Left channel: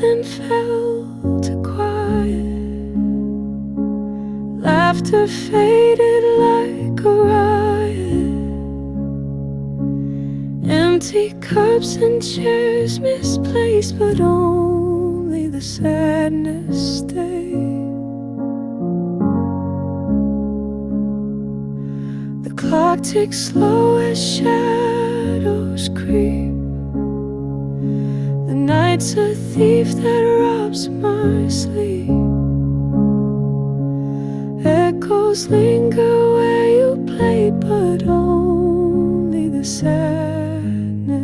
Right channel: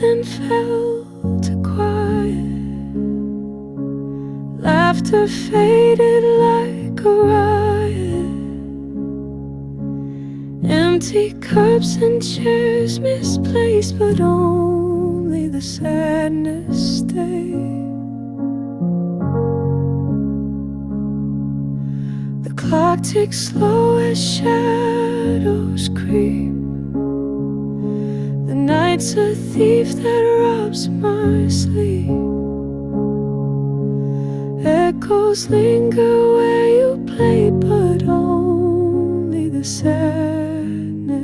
then fell to quiet. Laughter faded like a riot. Empty cups and chairs misplaced, but only the sadness stayed. The clock ticks slow as shadows creep. The night's a thief that robs my sleep. Echoes linger where you played, but only the sadness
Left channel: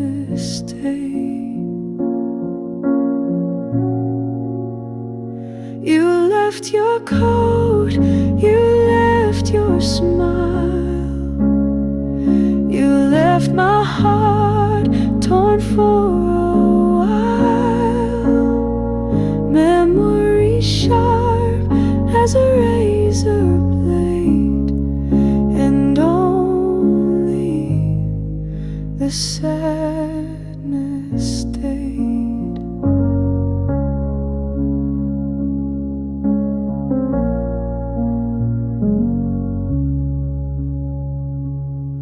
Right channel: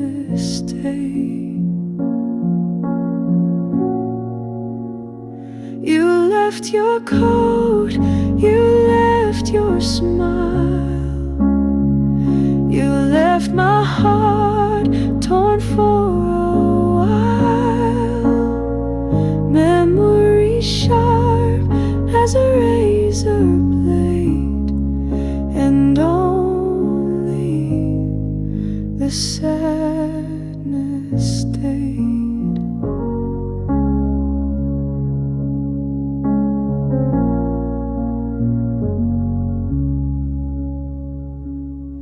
stayed. You left your coat, you left your smile, you left my heart torn for a while. Memory sharp as a razor blade, and only the sadness stayed.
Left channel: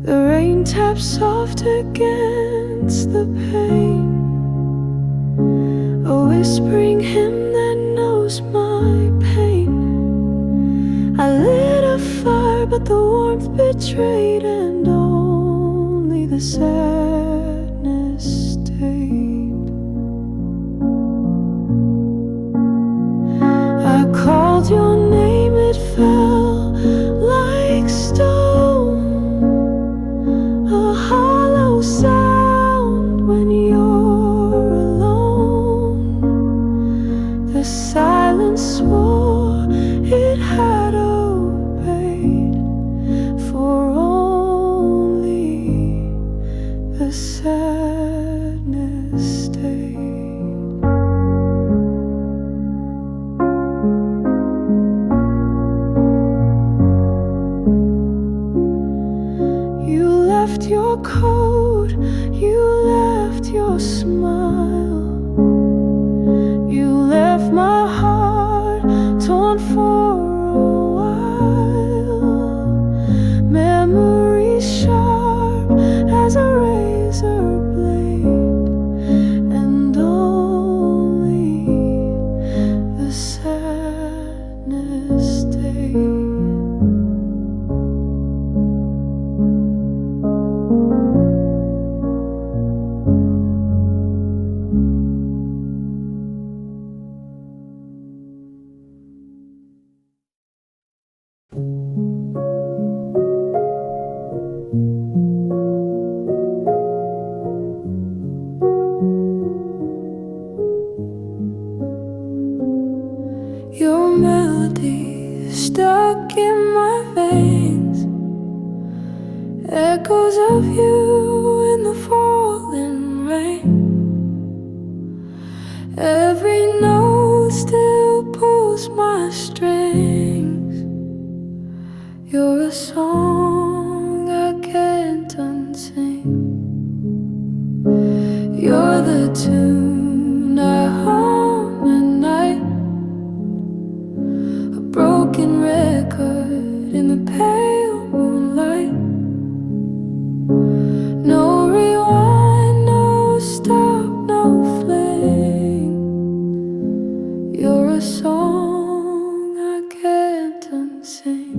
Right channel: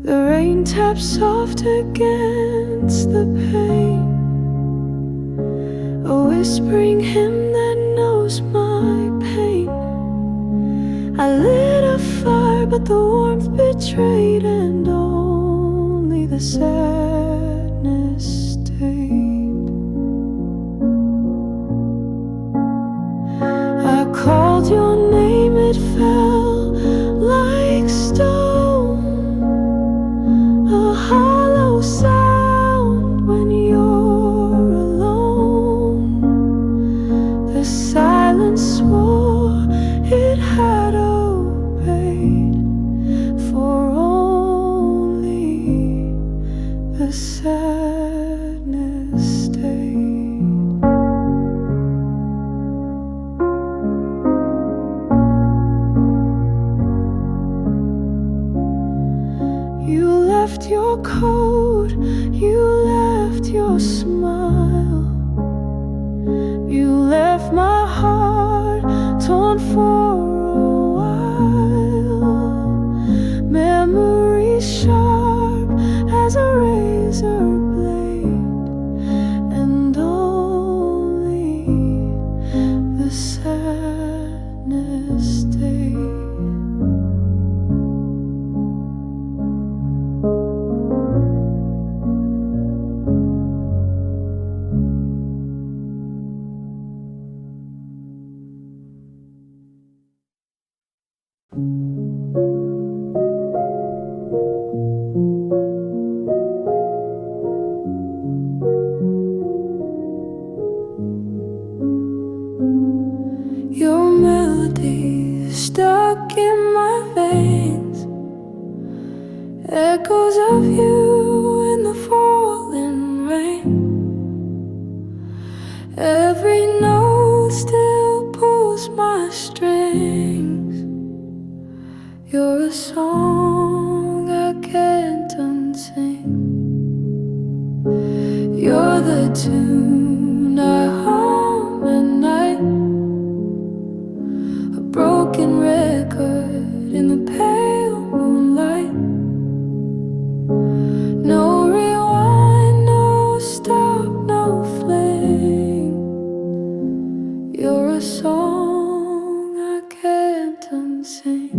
The rain taps soft against the pane, a whispering hymn that knows my pain. I lit a fire, but the warmth betrayed, and only the sadness stayed. I called your name, it fell like stone, a hollow sound when you're alone. The silence swore it had obeyed, for only the sadness stayed. You left your coat, you left your smile, you left my heart torn for a while. Memories sharp as a razor blade, and only the sadness stayed. Your melody stuck in my veins, echoes of you in the falling rain. Every note still pulls my strings. You're a song I can't unsing. You're the tune I hum at night, a broken record in the pale moonlight. No rewind, no stop, no flame. You're a song I can't unsing.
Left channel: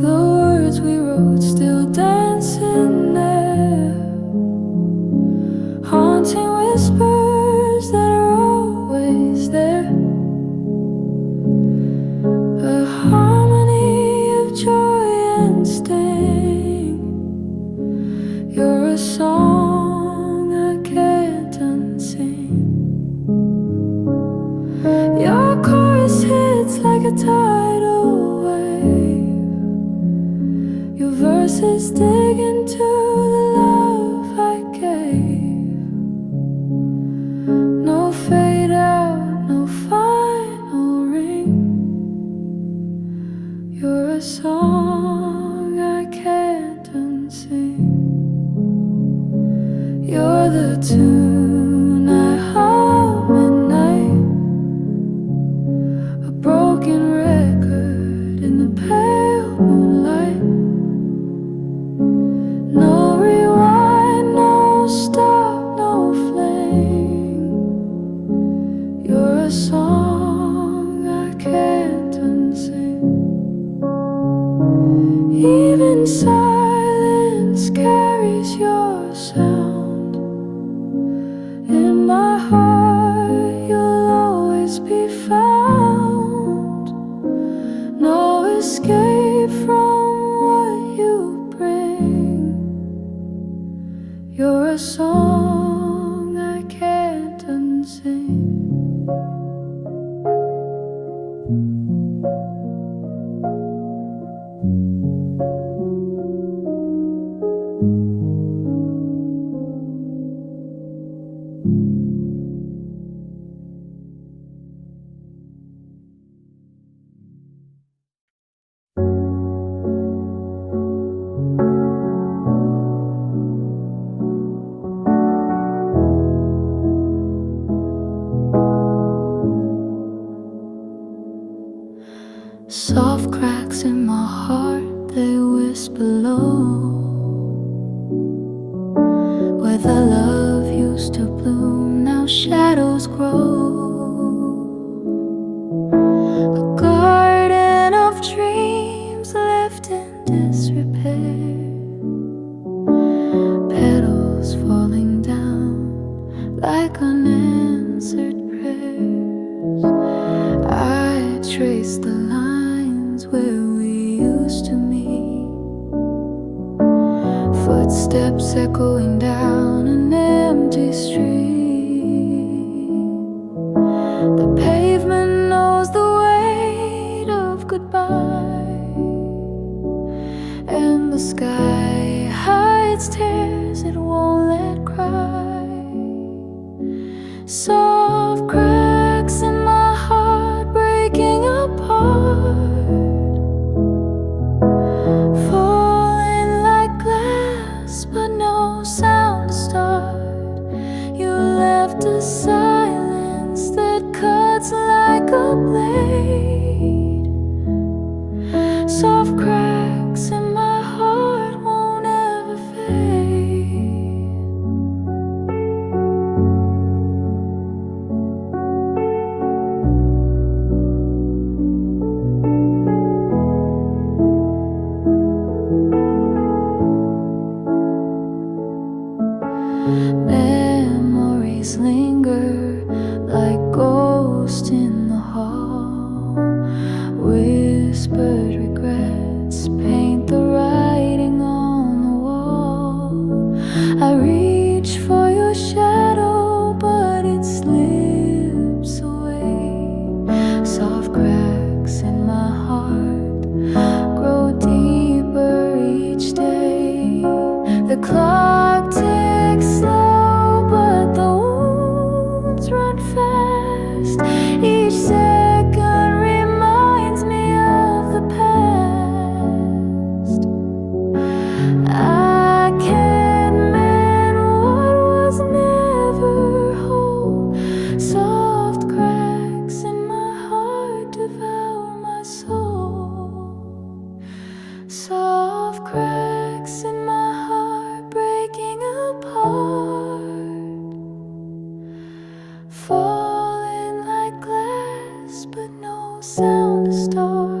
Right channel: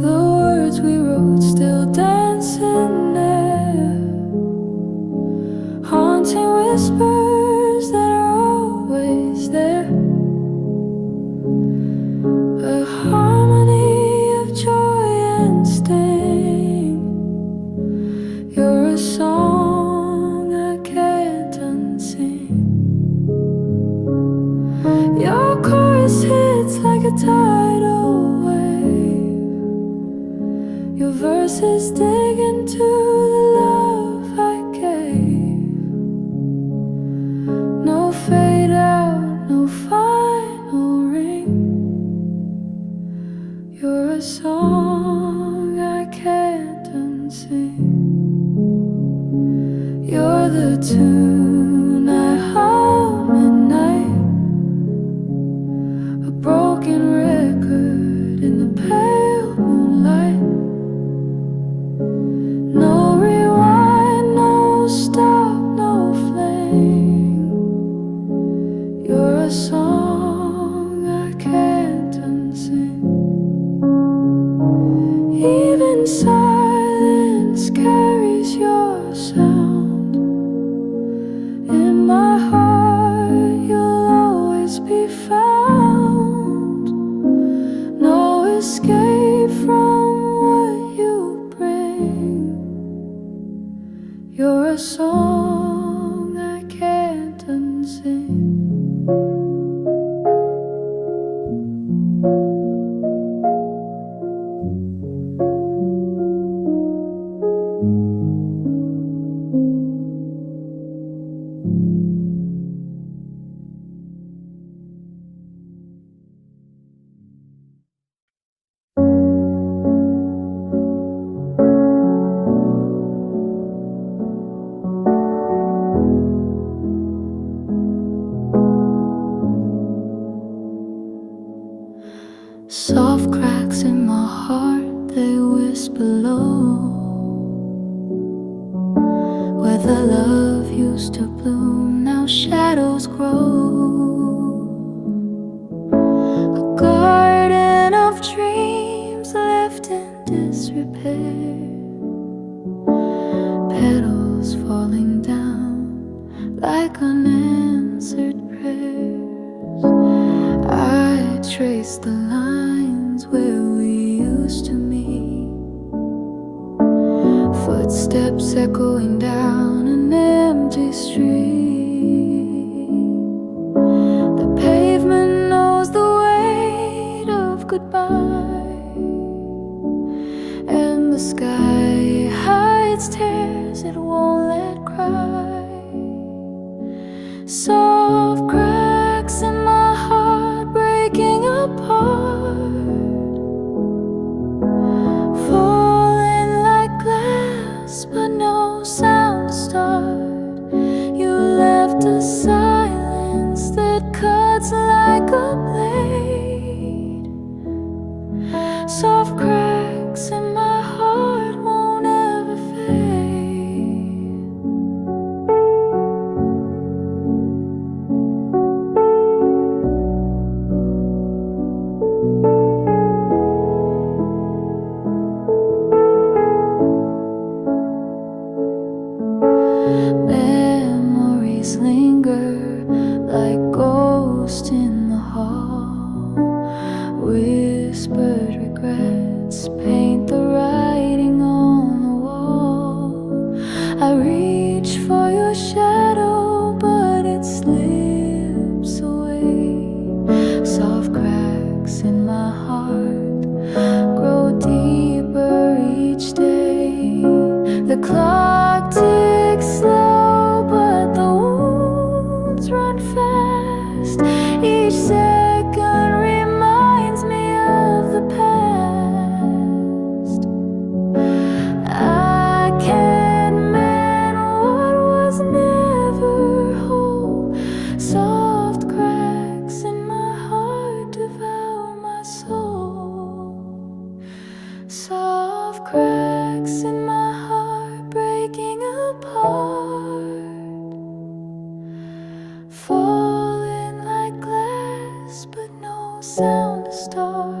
The words we wrote still dancing there, haunting whispers that are always there. A harmony of joy and sting. You're a song I can't unsing. Your chorus hits like a tidal wave. Your verses dig into the love I gave. No fade out, no final ring. You're a song I can't unsing. You're the tune I a song I can't unsing. Even silence carries your sound. In my heart you'll always be found. No escape from what you bring. You're a song I can't unsing. Soft cracks in my heart, they whisper low, where the love used to bloom, now shadows grow. A garden of dreams left in disrepair, petals falling down like unanswered prayers. I trace the lines where we used to meet, footsteps echoing down an empty street. The pavement knows the weight of goodbye, and the sky hides tears it won't let cry. Soft cracks in my heart breaking apart, falling like glass but no sound to start. You left a silence that cuts like a blade. Soft cracks in my heart won't ever fade. Memories linger like ghosts in the hall. Whispered regrets paint the writing on the wall. I reach for your shadow, but it slips away. Soft cracks in my heart grow deeper each day. The clock ticks slow, but the wounds run fast. Each second reminds me of the past. I can't mend what was never whole. Soft cracks in my heart devour my soul. Soft cracks in my heart breaking apart, falling like glass but no sound to start.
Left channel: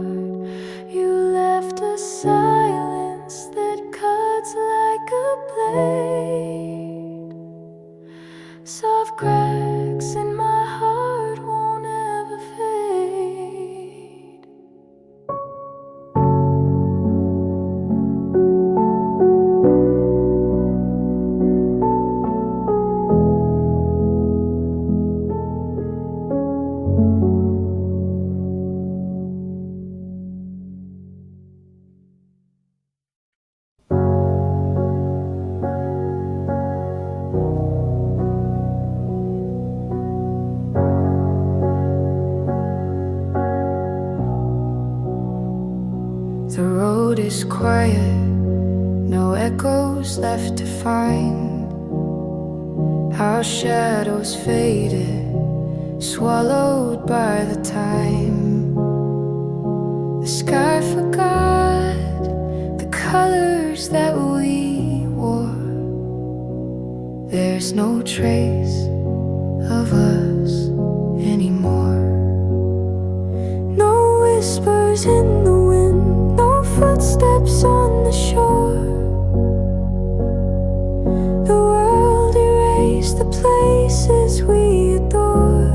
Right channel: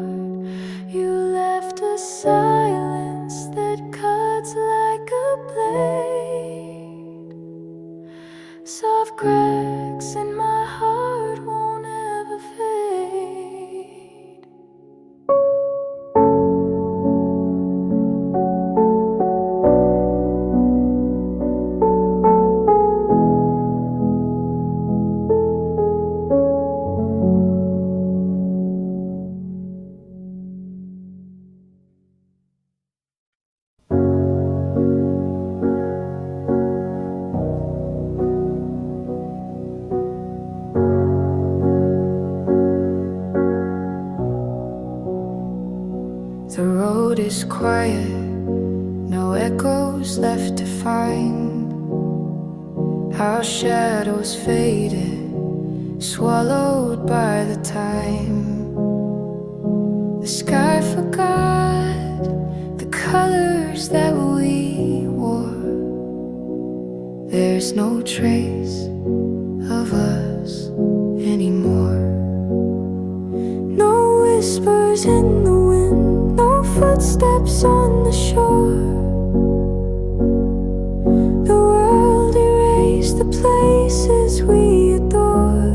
You left a silence that cuts like a blade. Soft cracks in my heart won't ever fade. The road is quiet, no echoes left to find. Our shadows faded, swallowed by the time. The sky forgot the colors that we wore. There's no trace of us anymore. No whispers in the wind, no footsteps on the shore. The world erased the places we adored,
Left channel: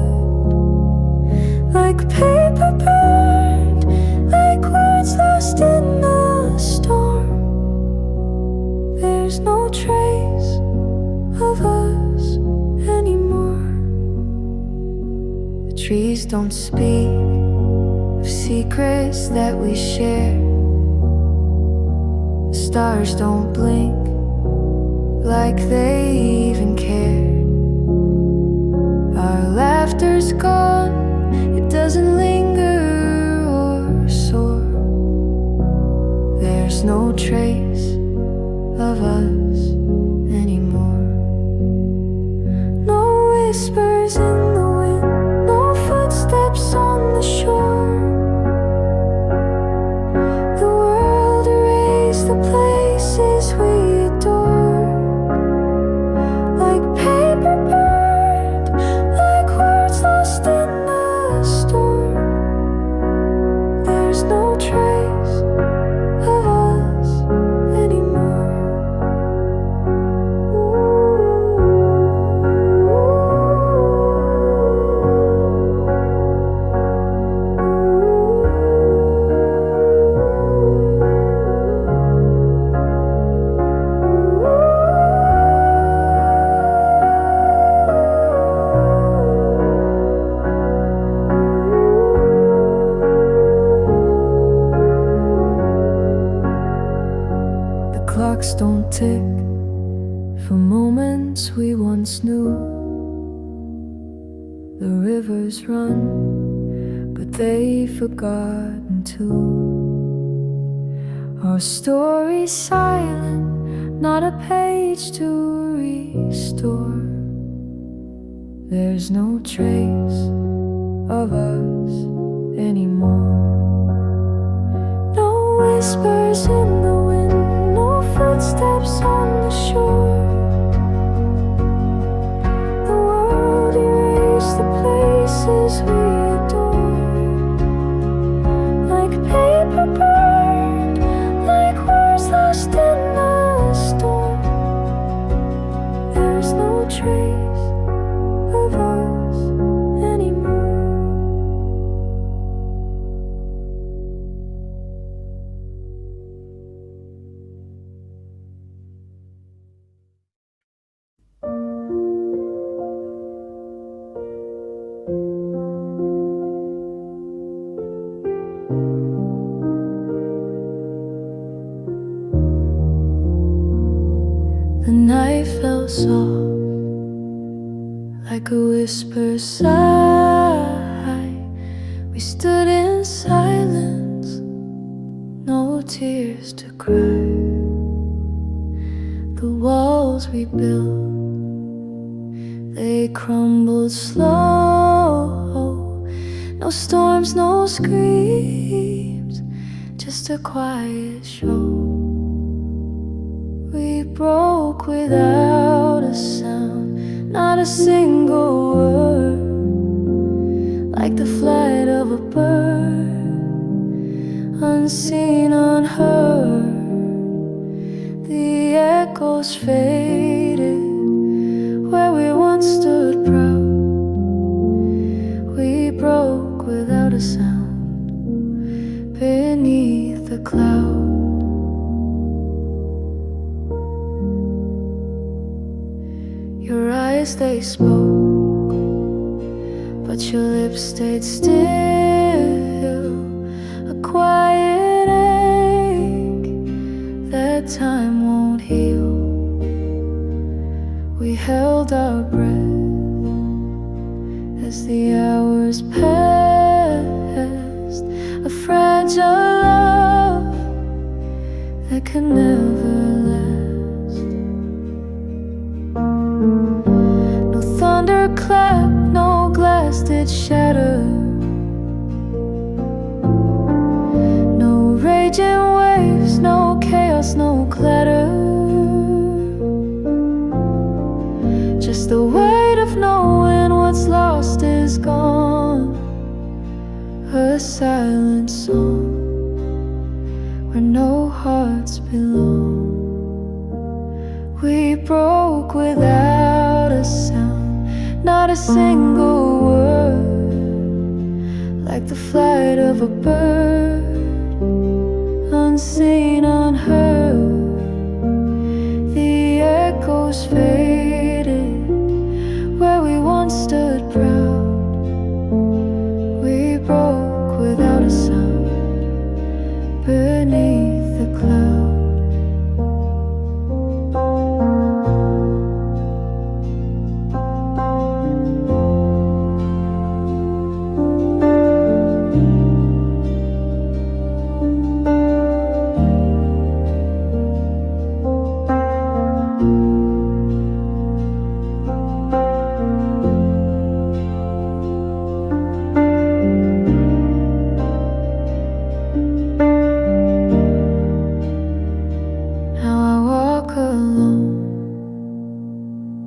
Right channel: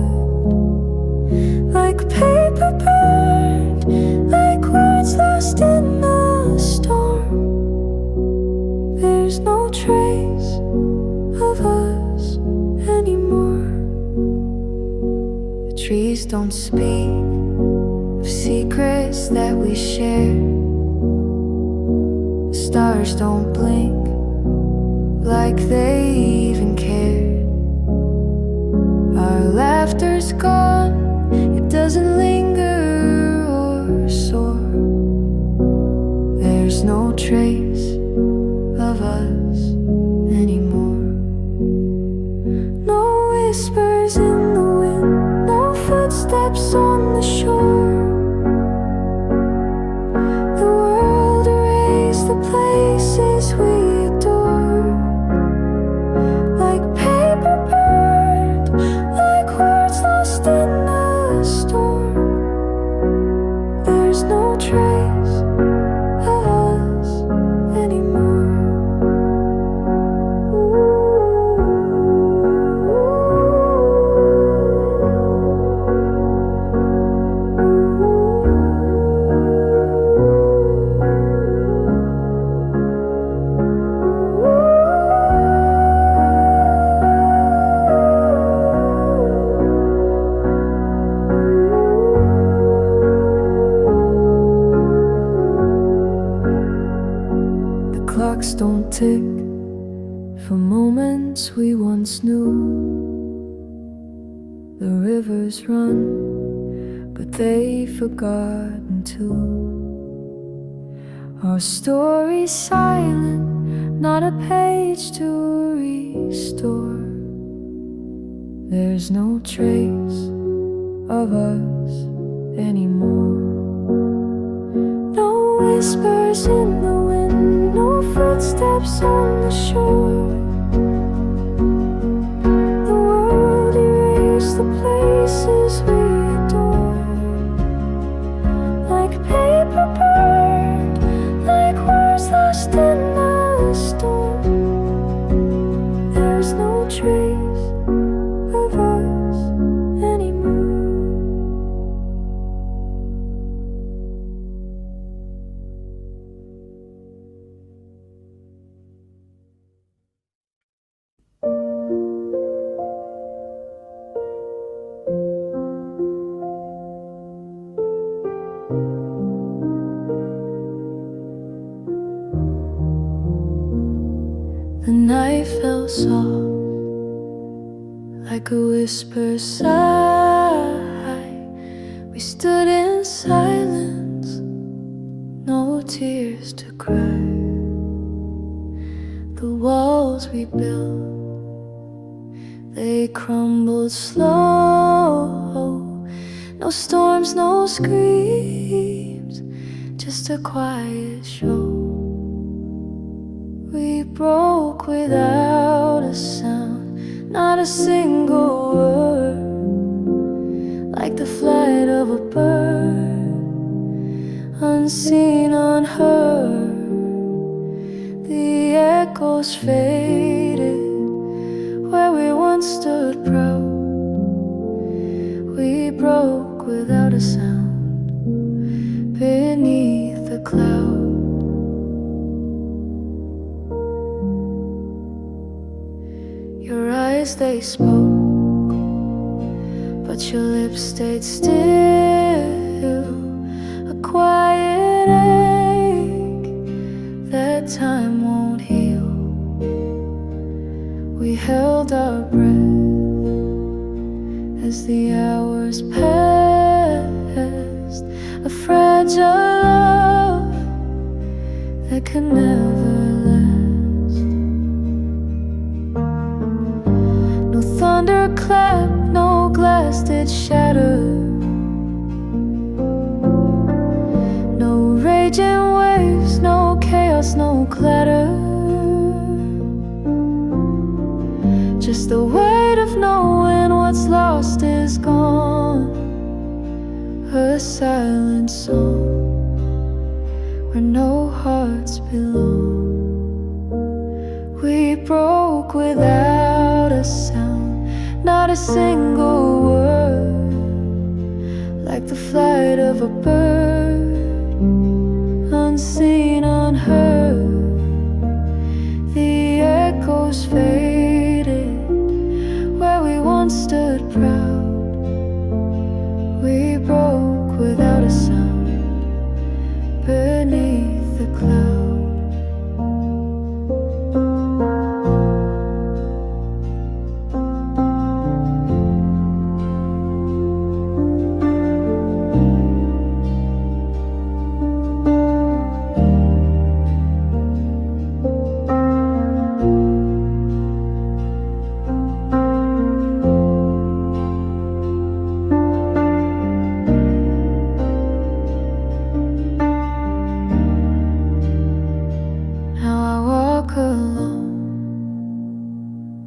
like paper burned, like words lost in the storm. There's no trace of us anymore. The trees don't speak of secrets that we share. The stars don't blink like they even cared. Our laughter's gone, it doesn't linger or soar. There's no trace of us anymore. No whispers in the wind, no footsteps on the shore. The world erased the places we adored, like paper burned, like words lost in the storm. There's no trace of us anymore. Clocks don't tick for moments we once knew. The rivers run, but they've forgotten too. Our story's silent, not a page to restore. There's no trace of us anymore. No whispers in the wind, no footsteps on the shore. The world erased the places we adored, like paper burned, like words lost in the storm. There's no trace of us anymore. The night fell soft, like a whisper sigh. We stood in silence, no tears to cry. The walls we built, they crumbled slow. No storms, no screams, just a quiet show. We broke without a sound, not a single word, like the flight of a bird, unseen, unheard. The echoes faded where we once stood proud. We broke without a sound beneath the cloud. Your eyes, they spoke, but your lips stayed still. A quiet ache that time won't heal. We held our breath as the hours passed, a fragile love that can never last. No thunderclap, no glass did shatter, no raging waves, no chaos, no clatter. just the weight of knowing what's lost is gone. A silent song where no hearts belong. We broke without a sound, not a single word, like the flight of a bird, unseen, unheard. The echoes faded where we once stood proud. We broke without a sound beneath the cloud.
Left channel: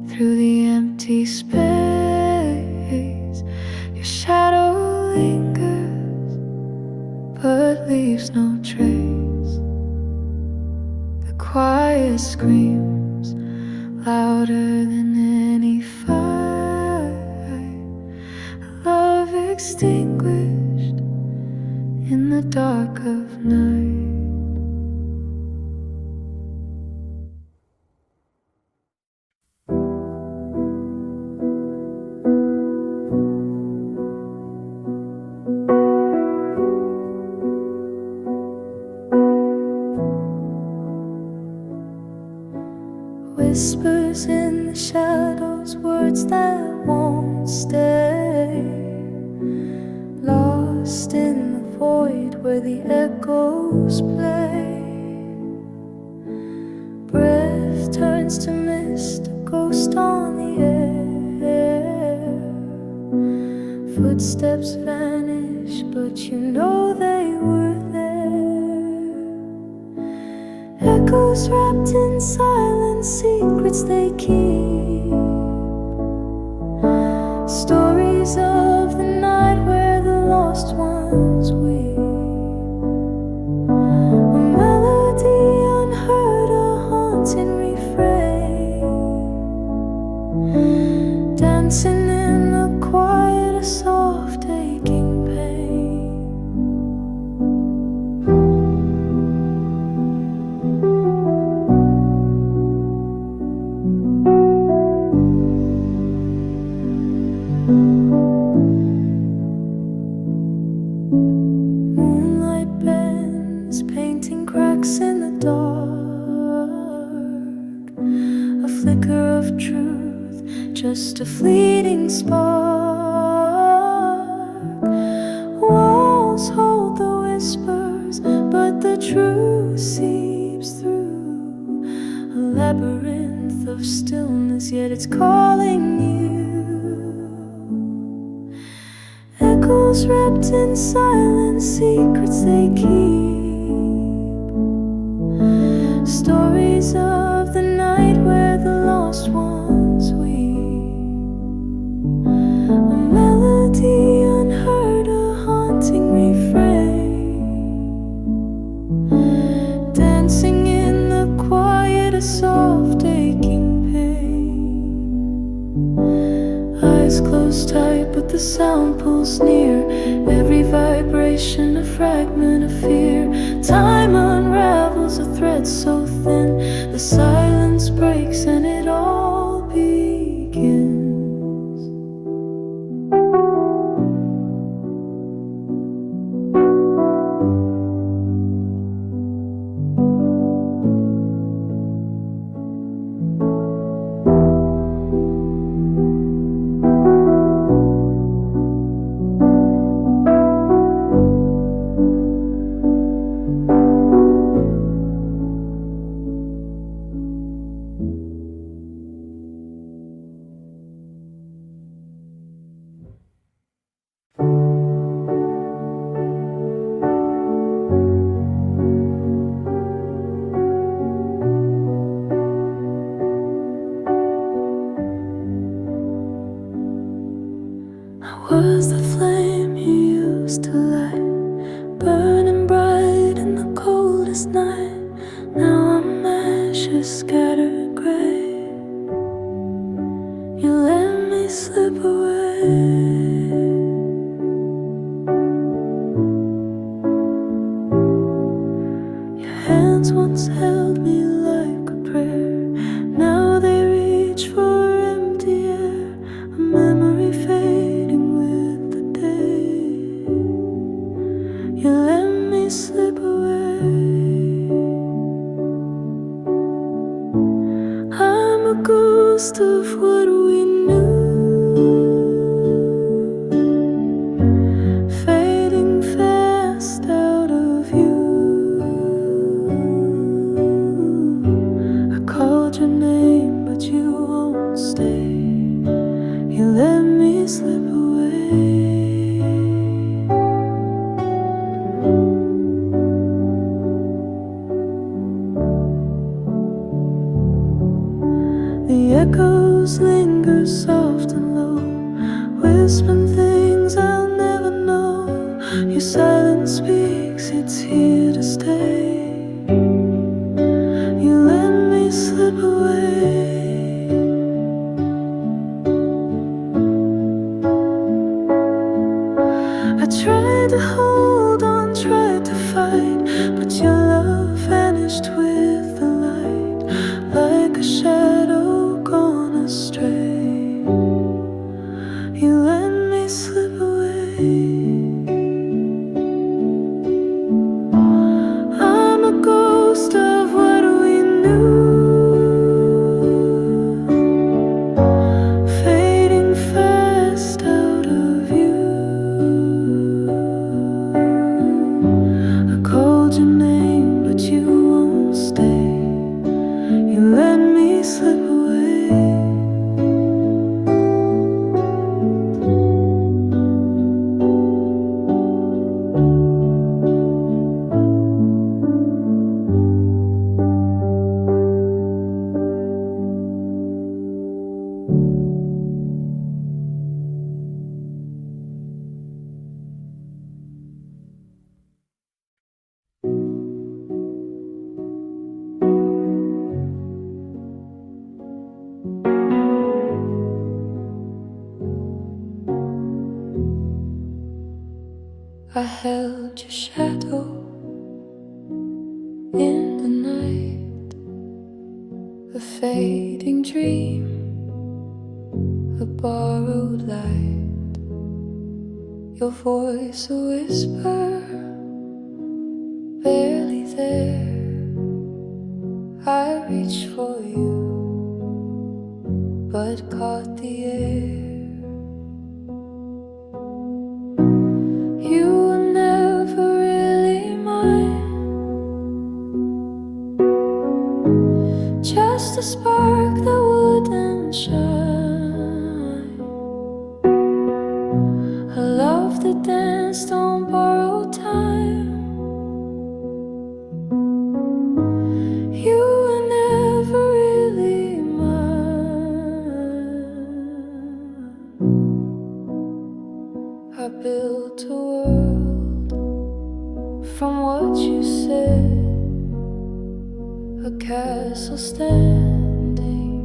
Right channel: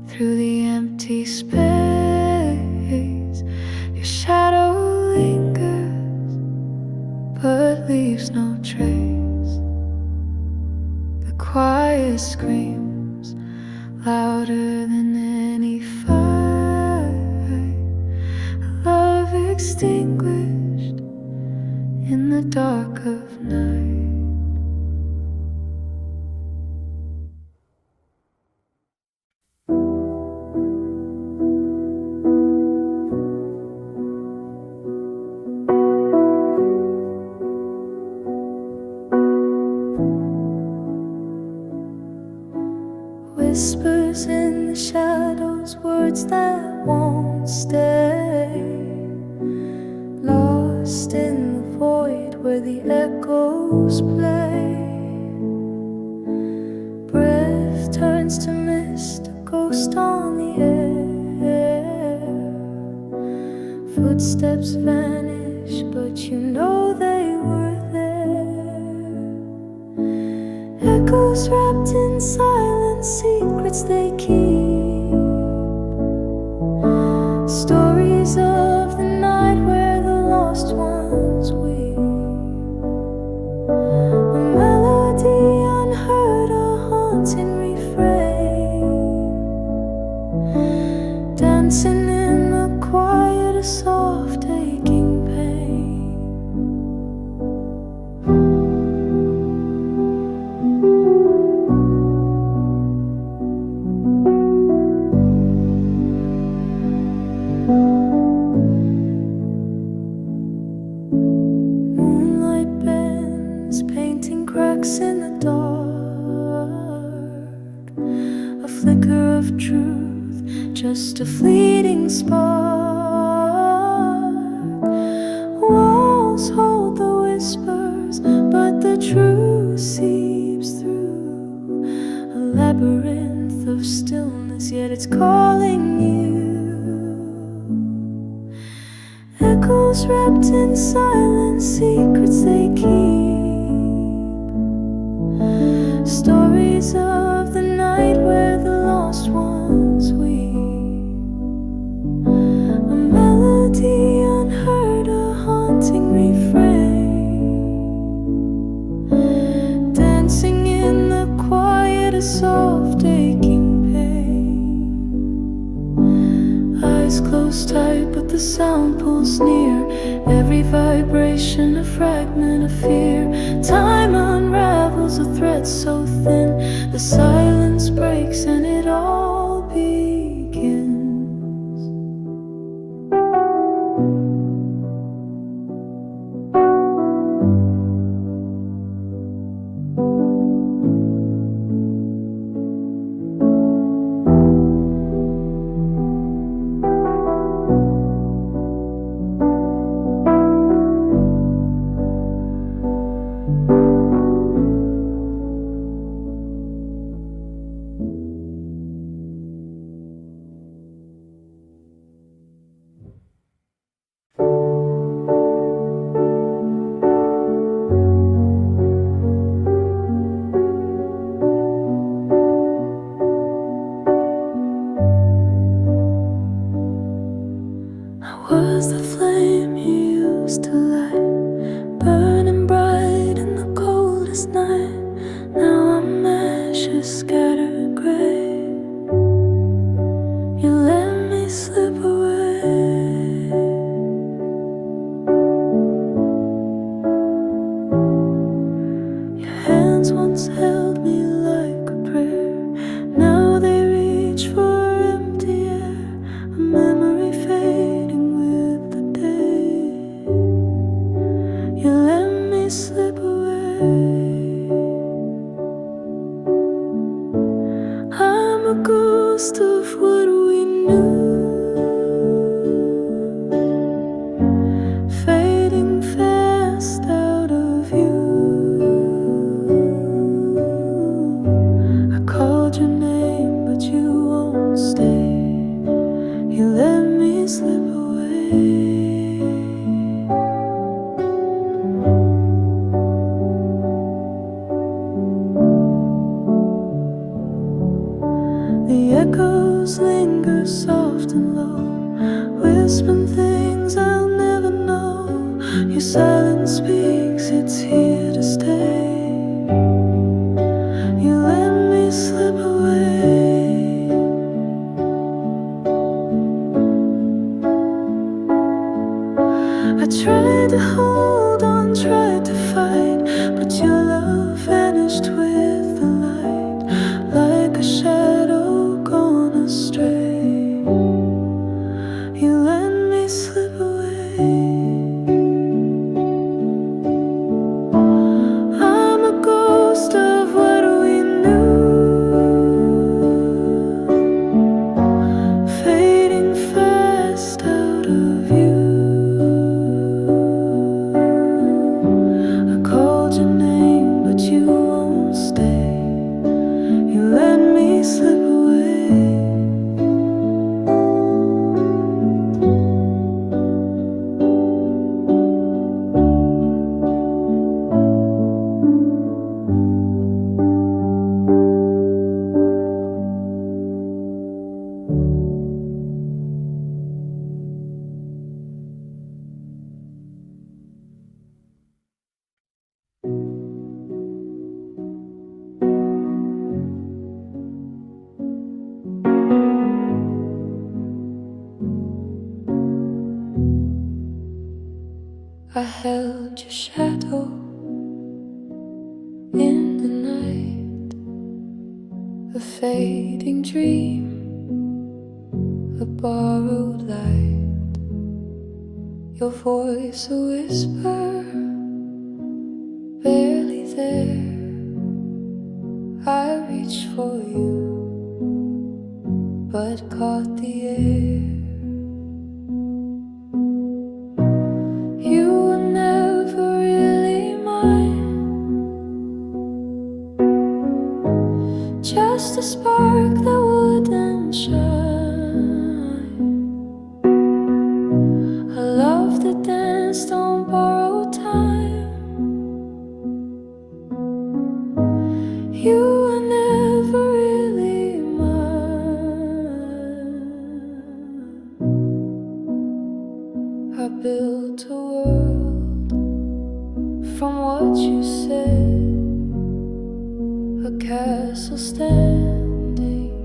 Through the empty space, your shadow lingers, but leaves no trace. The quiet screams louder than any fight, a love extinguished in the dark of night. Whispers in the shadows, words that won't stay, lost in the void where the echoes play. Breath turns to mist, a ghost on the air. Footsteps vanish, but you know they were there. Echoes wrapped in silence, secrets they keep. Stories of the night where the lost ones weep. A melody unheard, a haunting refrain, dancing in the quiet, a soft aching pain. Moonlight bends, painting cracks in the dark. A flicker of truth, just a fleeting spark. Walls hold the whispers, but the truth seeps through. A labyrinth of stillness, yet it's calling you. Echoes wrapped in silence, secrets they keep. Stories of the night where the lost ones weep. A melody unheard, a haunting refrain, dancing in the quiet, a soft aching pain. Eyes closed tight, but the sound pulls near. Every vibration a fragment of fear. Time unravels a thread so thin. The silence breaks and it all begins. hands once held me like a prayer. Now they reach for empty air, a memory fading with the day. You let me slip away. I'm a ghost of what we knew, fading fast out of you. I called your name, but you won't stay. You let me slip away. The echoes linger soft and low, whispering things I'll never know. Your silence speaks, it's here to stay. You let me slip away. I tried to hold on, tried to fight, but your love vanished with the light, like a shadow gone astray. You let me slip away. I'm a ghost of what we knew, fading fast out of you. I called your name, but you won't stay. You let me slip away. I held your shadow in the night, a fading dream, a borrowed light. Your voice a whisper, barely there. I reached for you, but caught the air. You were never really mine, just a spark that wouldn't shine, a love that danced on borrowed time. You were never really mine. I built a world from what you said, a castle standing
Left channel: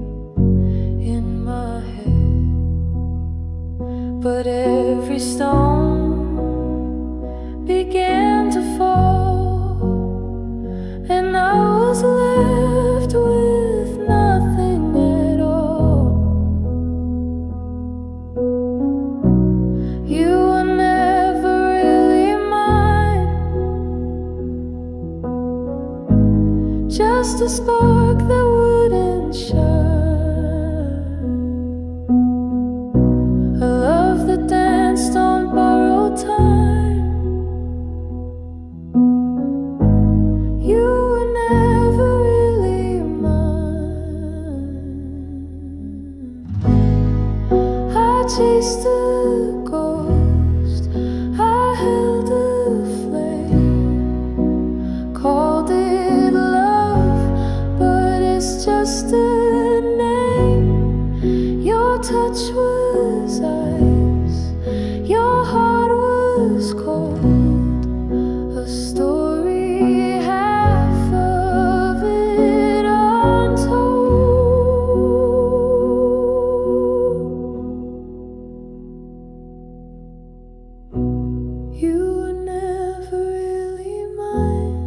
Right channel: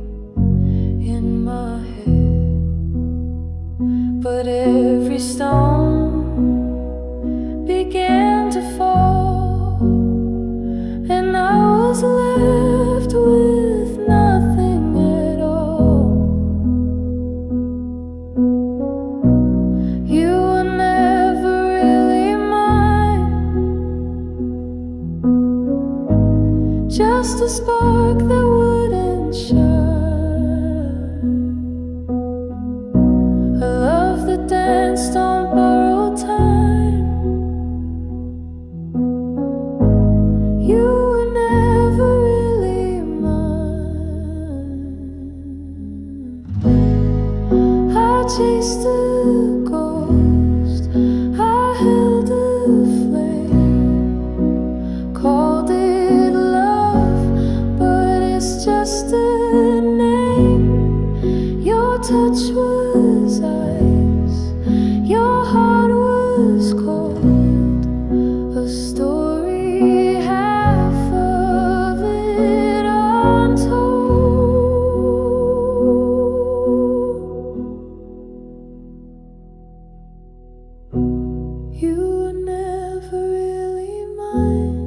in my head. But every stone began to fall, and I was left with nothing at all. You were never really mine, just a spark that wouldn't shine, a love that danced on borrowed time. You were never really mine. I chased a ghost, I held a flame, called it love, but it's just a name. Your touch was ice, your heart was cold, a story half of it untold. You were never really mine,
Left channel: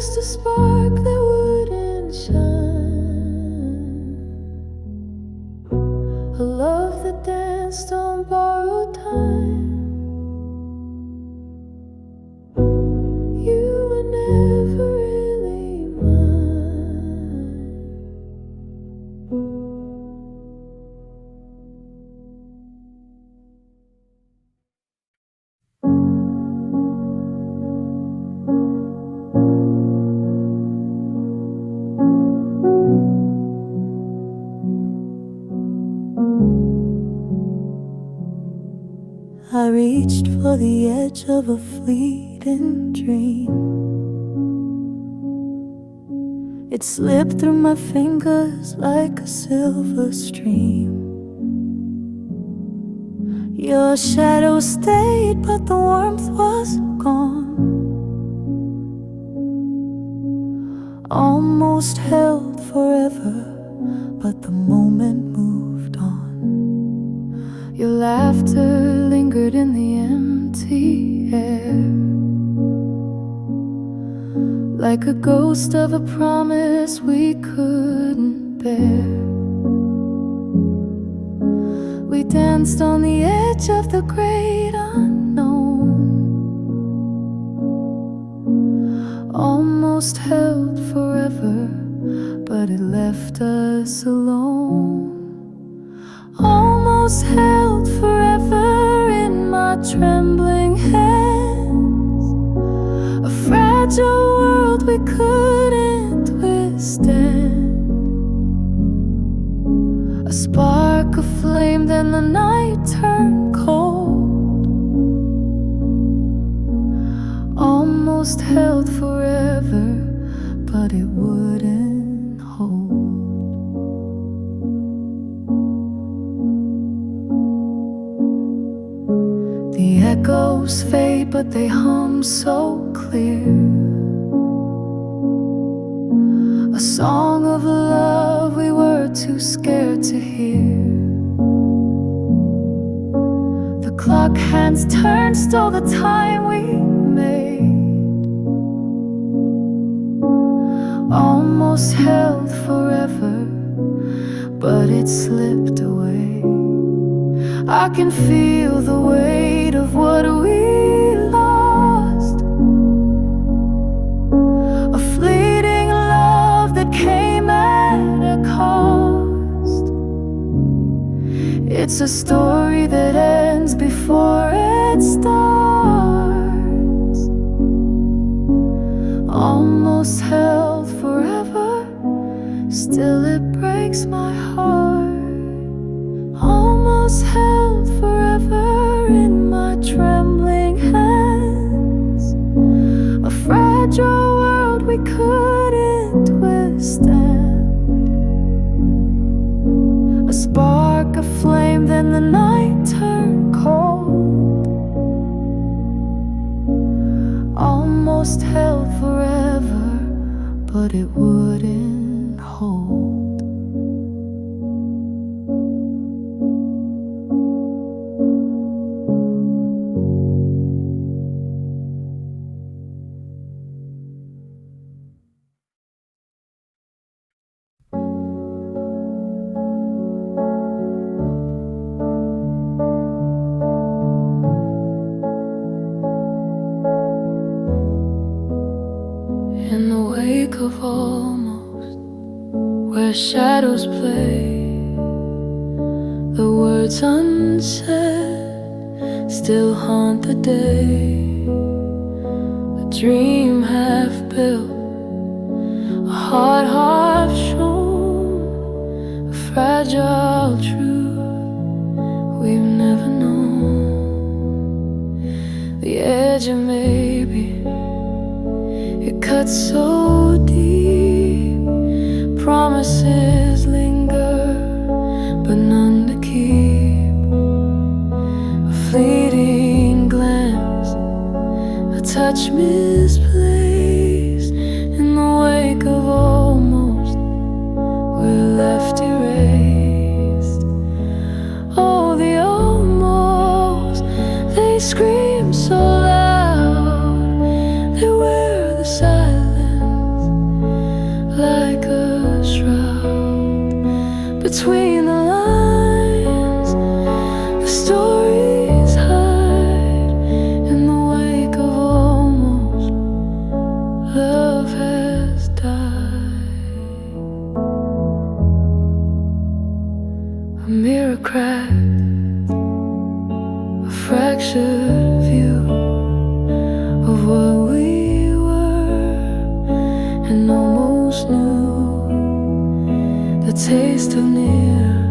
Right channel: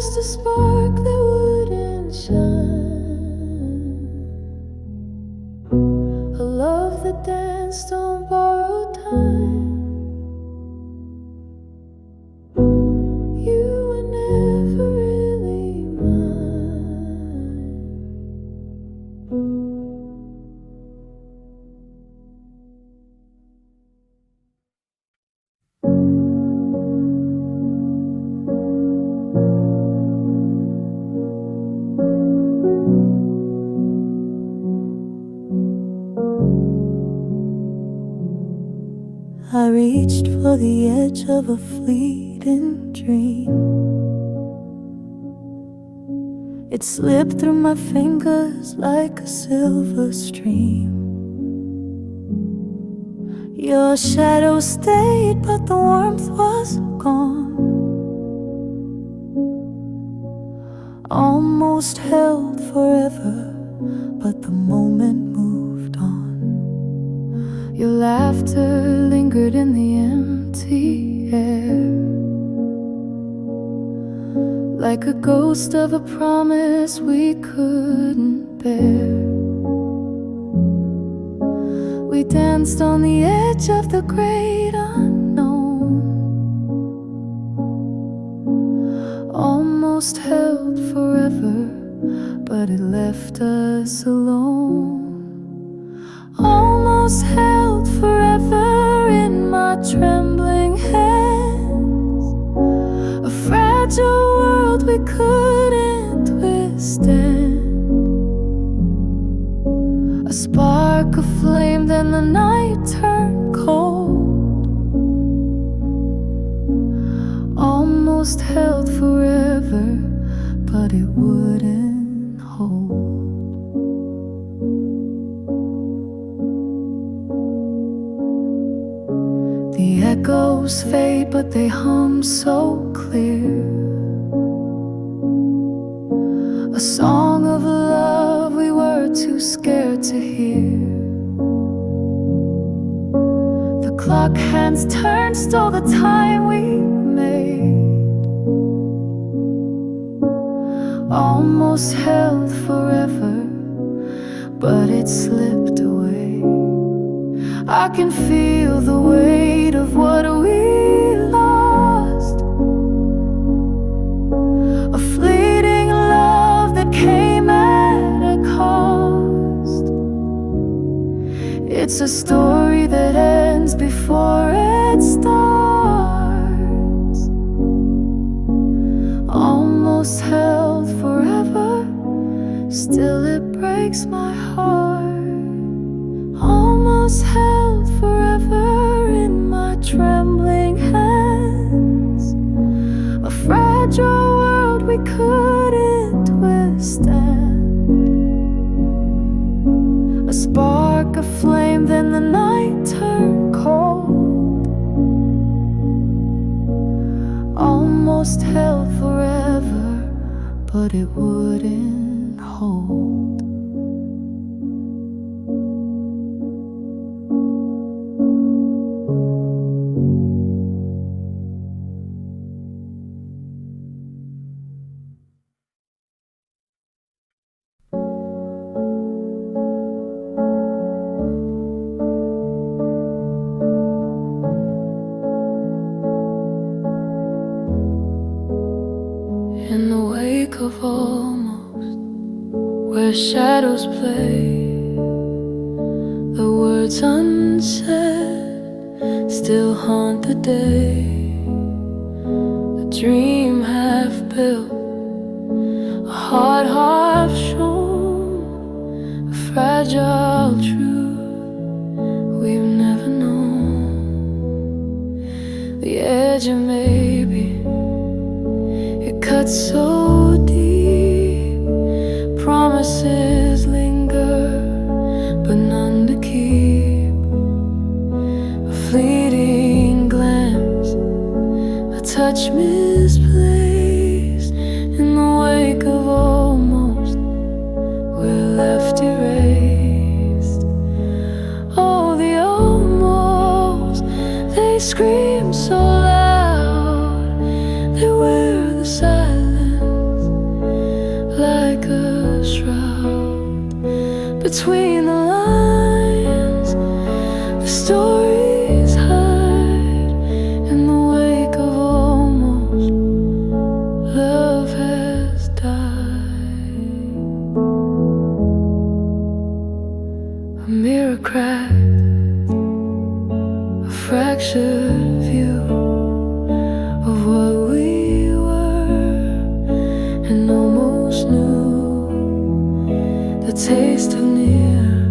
just a spark that wouldn't shine, a love that danced on borrowed time. You were never really mine. I reached for the edge of a fleeting dream. It slipped through my fingers like a silver stream. Your shadow stayed, but the warmth was gone. Almost held forever, but the moment moved on. Your laughter lingered in the empty air, like a ghost of a promise we couldn't bear. We danced on the edge of the great unknown, almost held forever, but it left us alone. Almost held forever in my trembling hands, a fragile world we couldn't withstand. A spark of flame, then the night turned cold. Almost held forever, but it wouldn't hold. The echoes fade, but they hum so clear, a song of love we were too scared to hear. The clock hands turned, stole the time we made. Almost held forever, but it slipped away. I can feel the weight of what we lost, a fleeting love that came at a cost. It's a story that ends before it starts. Almost held forever, still it breaks my heart. Almost held forever in my trembling hands, a fragile world we couldn't withstand. A spark, a flame, then the night turned cold. Almost held forever, but it wouldn't hold. In the wake of almost, where shadows play, the words unsaid still haunt the day. A dream half built, a heart half shown, a fragile truth we've never known. The edge of maybe, it cuts so deep. Promises linger, but none to keep. A fleeting glance, a touch misplaced. In the wake of almost, we're left erased. Oh, the almost, they scream so loud, they wear the silence between the lines. The stories hide in the wake of almost. Love has died. A mirror cracked, a fractured view of what we were and almost knew. The taste of near,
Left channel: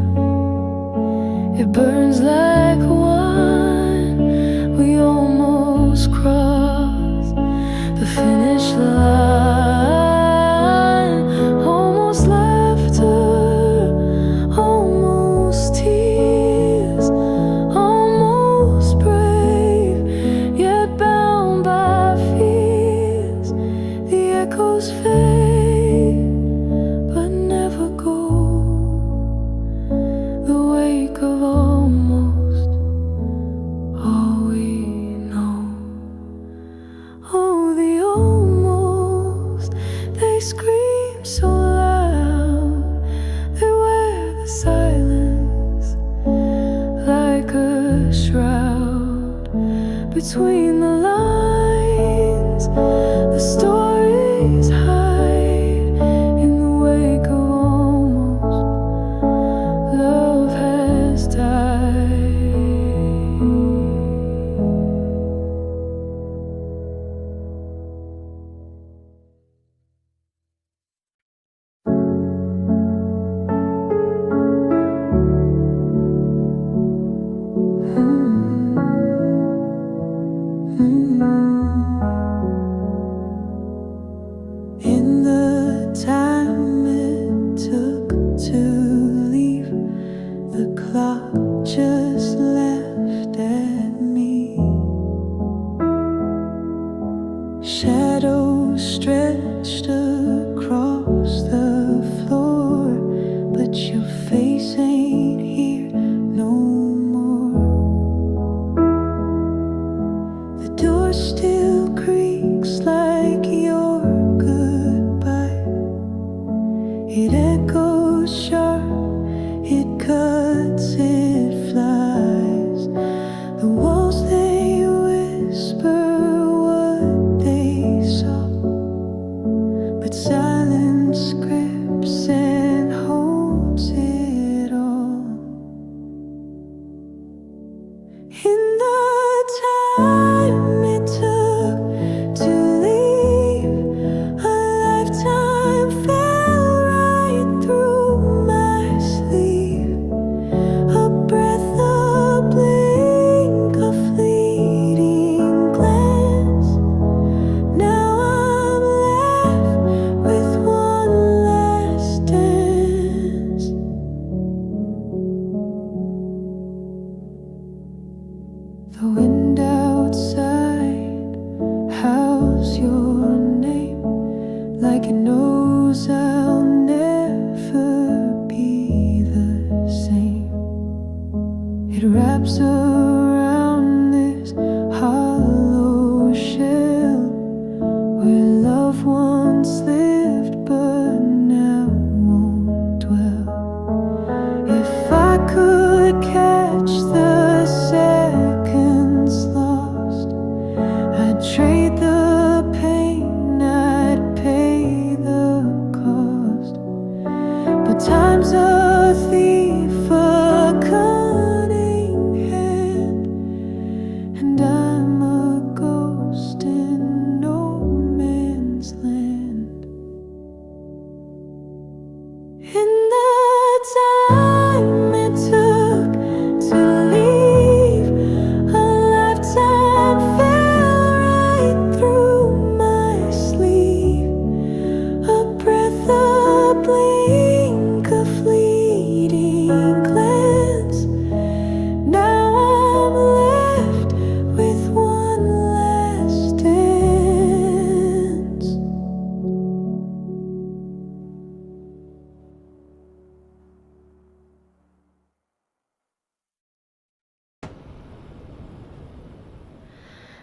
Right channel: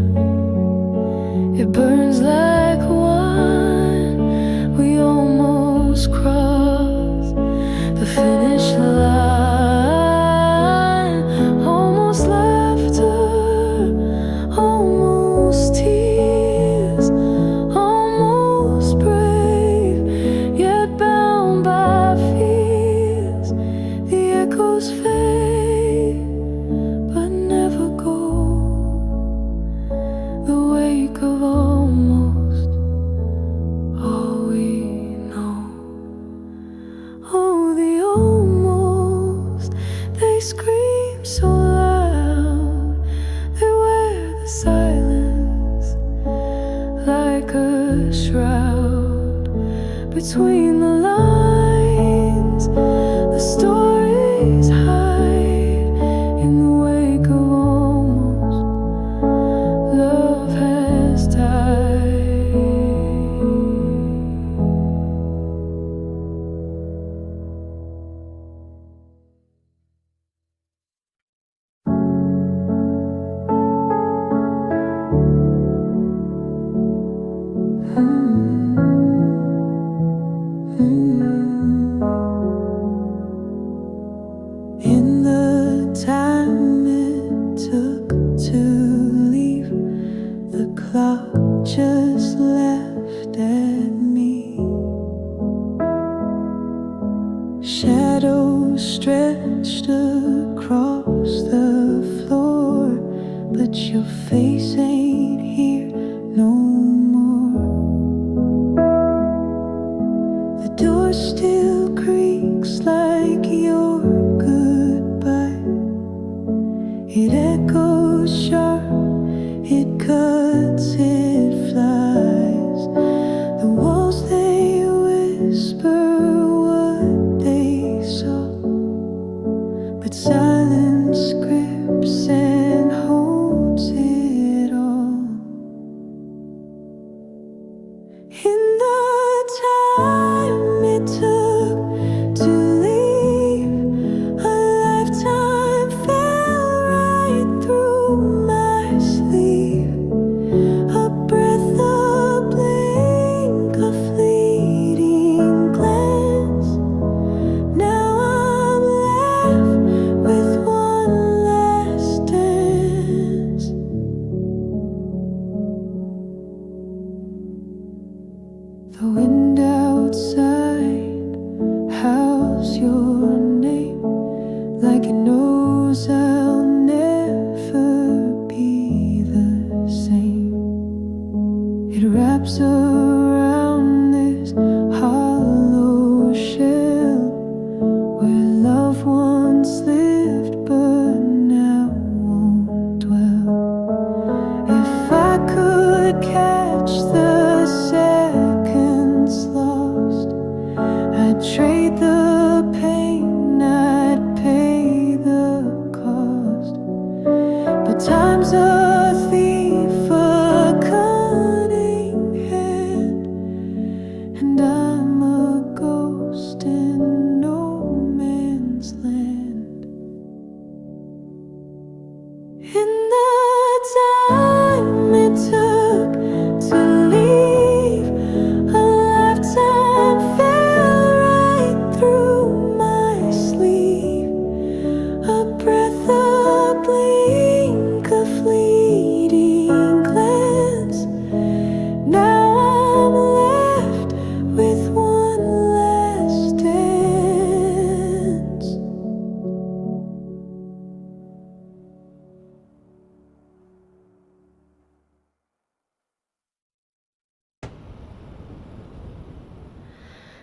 it burns like wine. We almost crossed the finish line. Almost laughter, almost tears, almost brave, yet bound by fears. The echoes fade, but never go. The wake of almost, all we know. Oh, the almost, they scream so loud. They wear the silence like a shroud. Between the lines, the stories hide in the wake of almost. Love has died. In the time it took to leave, the clock just laughed at me. Shadows stretched across the floor, but your face ain't here no more. The door still creaks like your goodbye. It echoes sharp, it cuts, it flies. The walls, they whisper what they saw, but silence grips and holds it all. In the time it took to leave, a lifetime fell right through my sleeve. A breath, a blink, a fleeting glance. Now I'm left with one last dance. The wind outside howls your name like it knows I'll never be the same. It wraps around this hollow shell where love once lived but now won't dwell. If I could catch the seconds lost, I'd trade the pain, I'd pay the cost. But time's a thief, a cunning hand, and I'm a ghost in no man's land. In the time it took to leave, a lifetime fell right through my sleeve. A breath, a blink, a fleeting glance. Now I'm left with one last dance.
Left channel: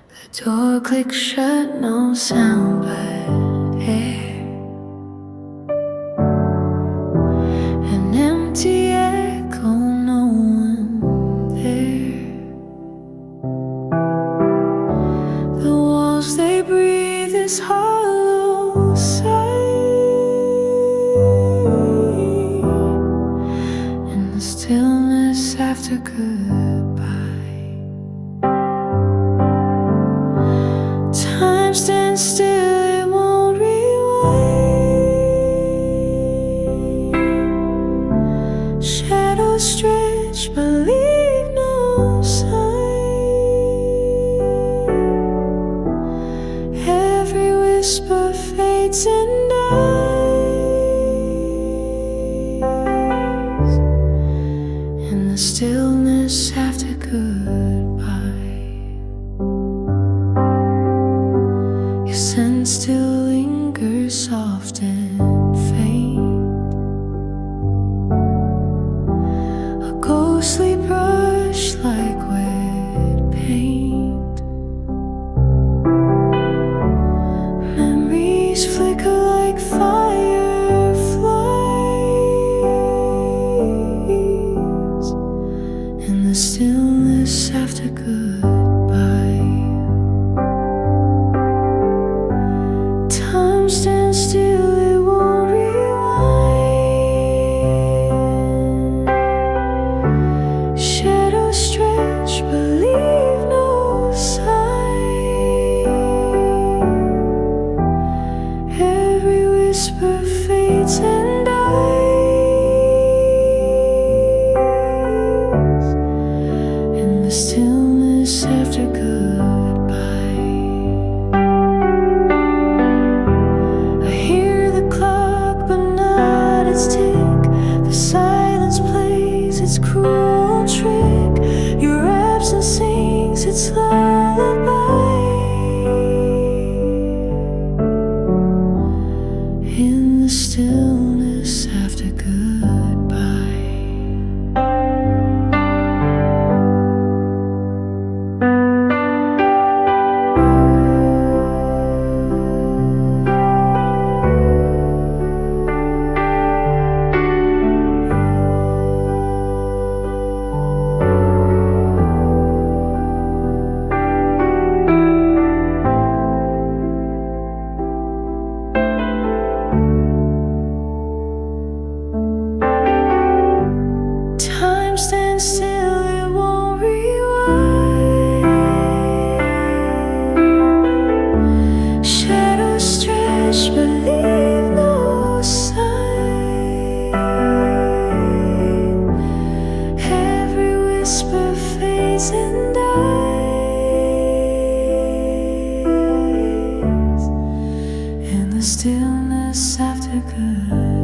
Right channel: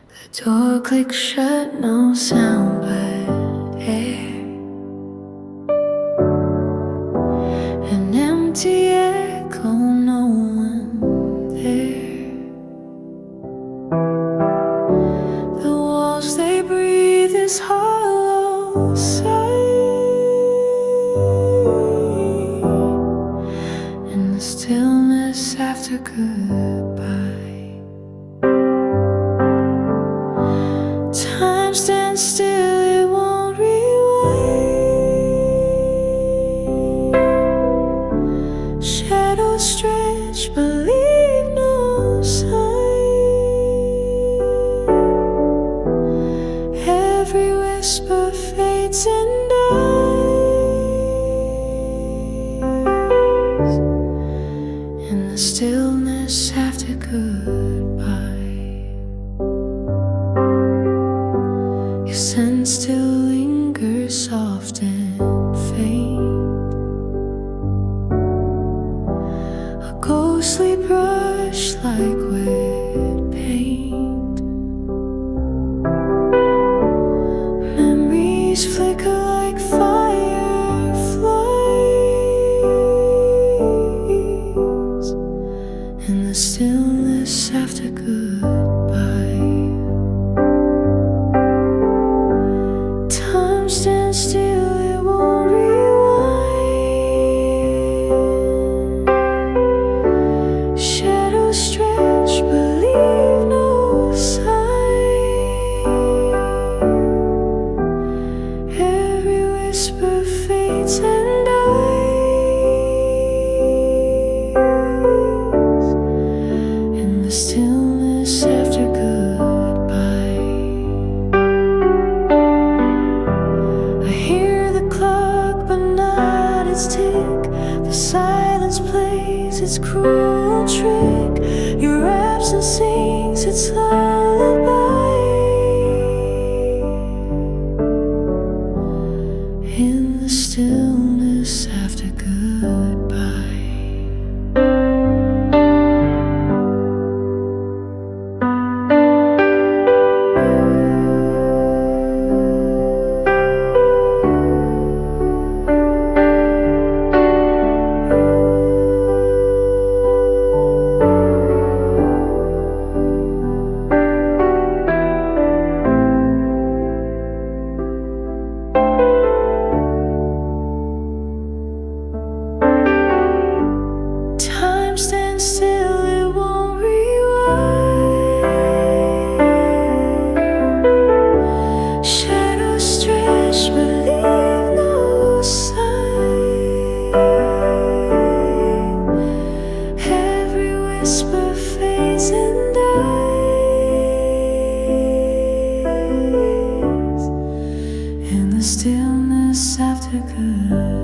The door clicks shut, no sound but air. An empty this hollow sigh in the stillness after goodbye. Time stands still, it won't rewind. Shadows stretch but leave no sign. Every whisper fades and dies in the stillness after goodbye. Your scent still lingers soft and faint, a ghostly brush like wet paint. Memories flicker like fireflies in the stillness after goodbye. Time stands still, it won't rewind. Shadows stretch but leave no sign. Every whisper fades and dies in the stillness after goodbye. I hear the clock but not its tick. The silence plays its cruel trick. Your absence sings its lullaby in the stillness after goodbye. Time stands still, it won't rewind. Shadows stretch but leave no sign. Every whisper fades and dies in the stillness after goodbye.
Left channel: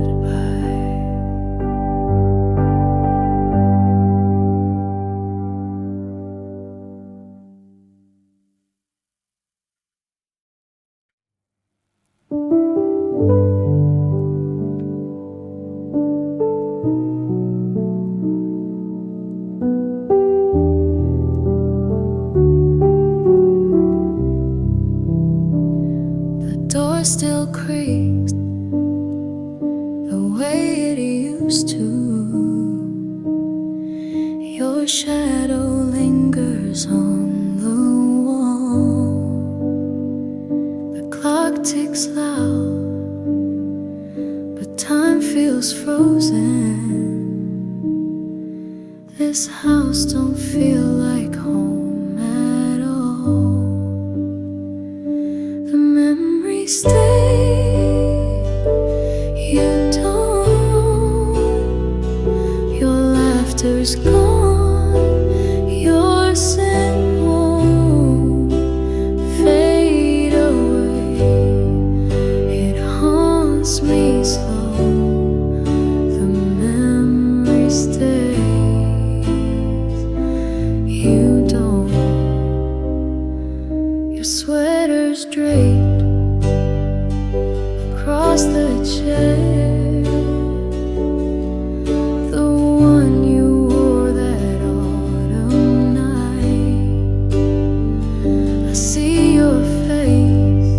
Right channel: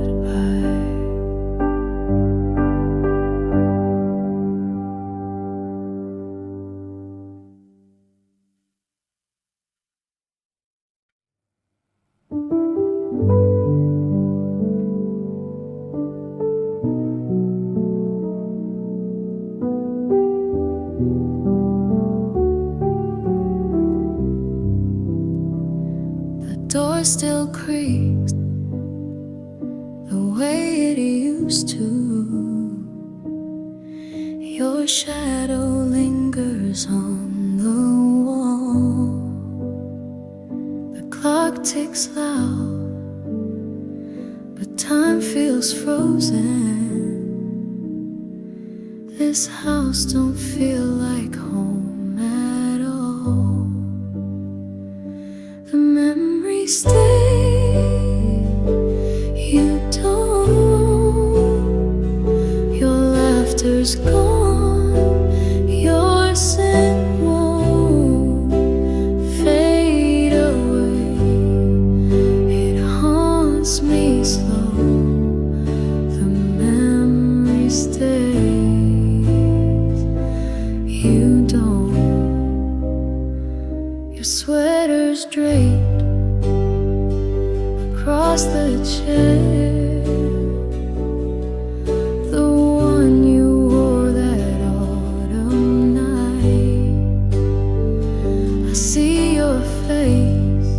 The door still creaks the way it used to. Your shadow lingers on the wall. The clock ticks loud, but time feels frozen. This house don't feel like home at all. The memories stay, you don't. Your laughter's gone, your scent won't fade away. It haunts me slow, the memory stays, you don't. Your sweater's draped across the chair, the one you wore that autumn night. I see your face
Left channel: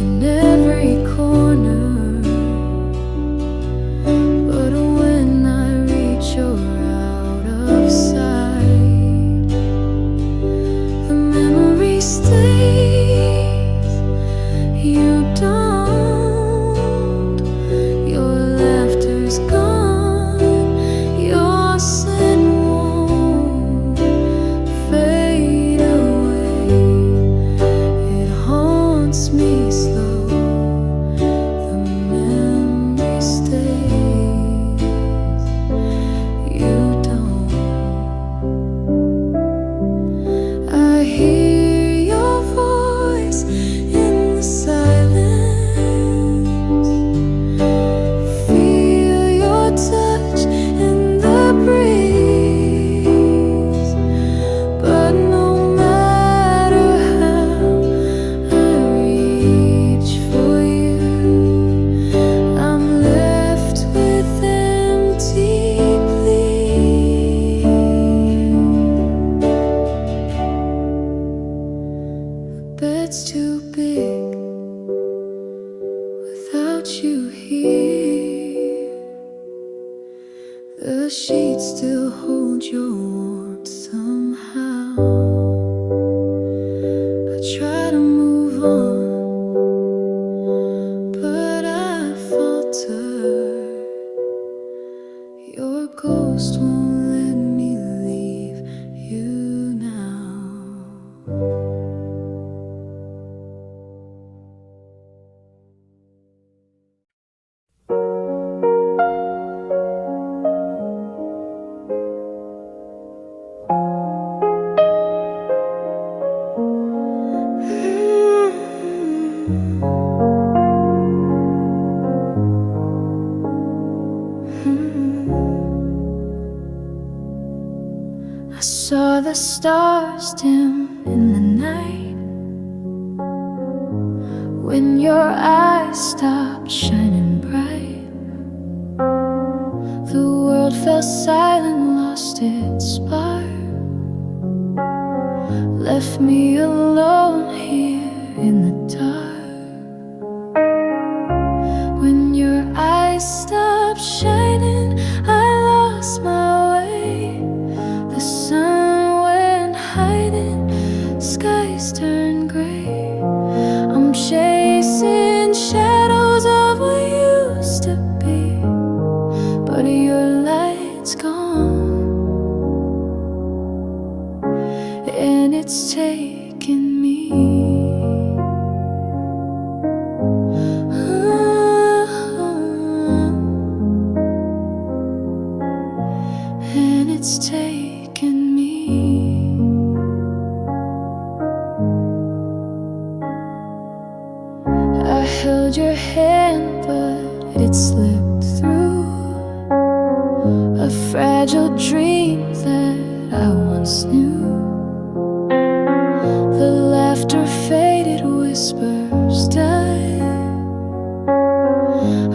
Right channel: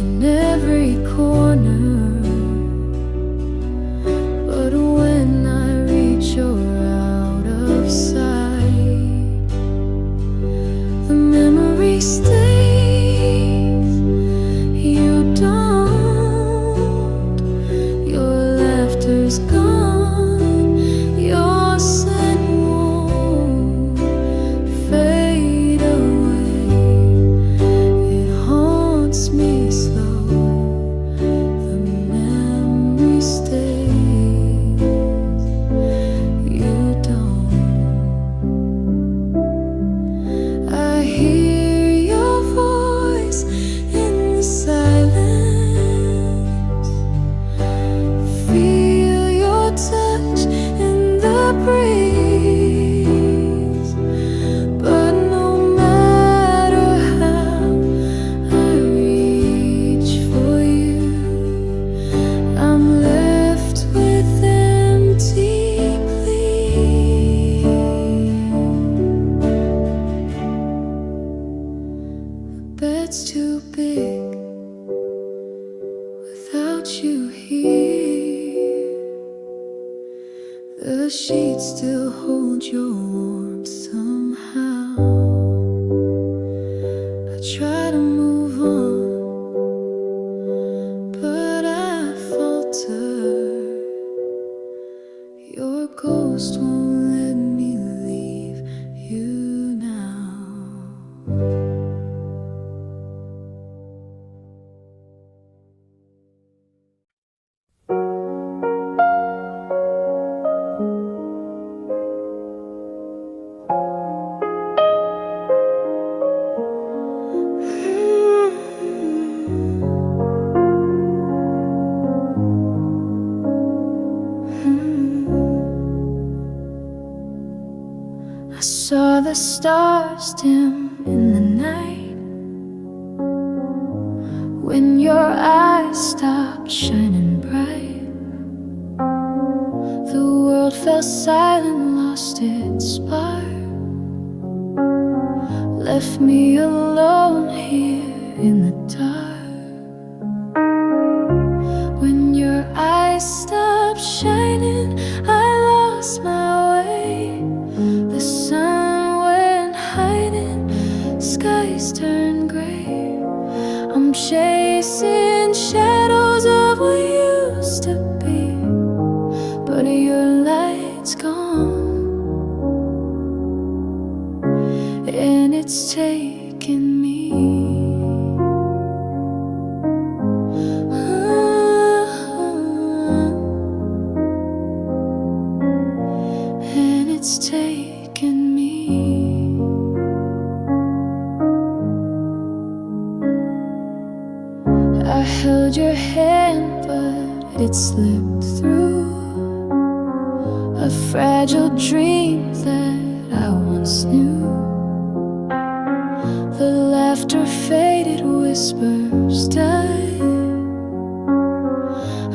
in every corner, but when I reach, you're out of sight. The memory stays, gets too big without you here. The sheets still hold your warmth somehow. I try to move on, but I falter. Your ghost won't let me leave you now. I saw the stars dim in the night when your eyes stopped shining bright. The world fell silent, lost its spark, left me alone here in the dark. When your eyes stopped shining, I lost my way. The sun went hiding, skies turned gray. I'm chasing shadows of what used to be, but your light's gone, and it's taken me. And it's taken me. I held your hand, but it slipped through. A fragile dream that I once knew. The laughter faded, whispers died.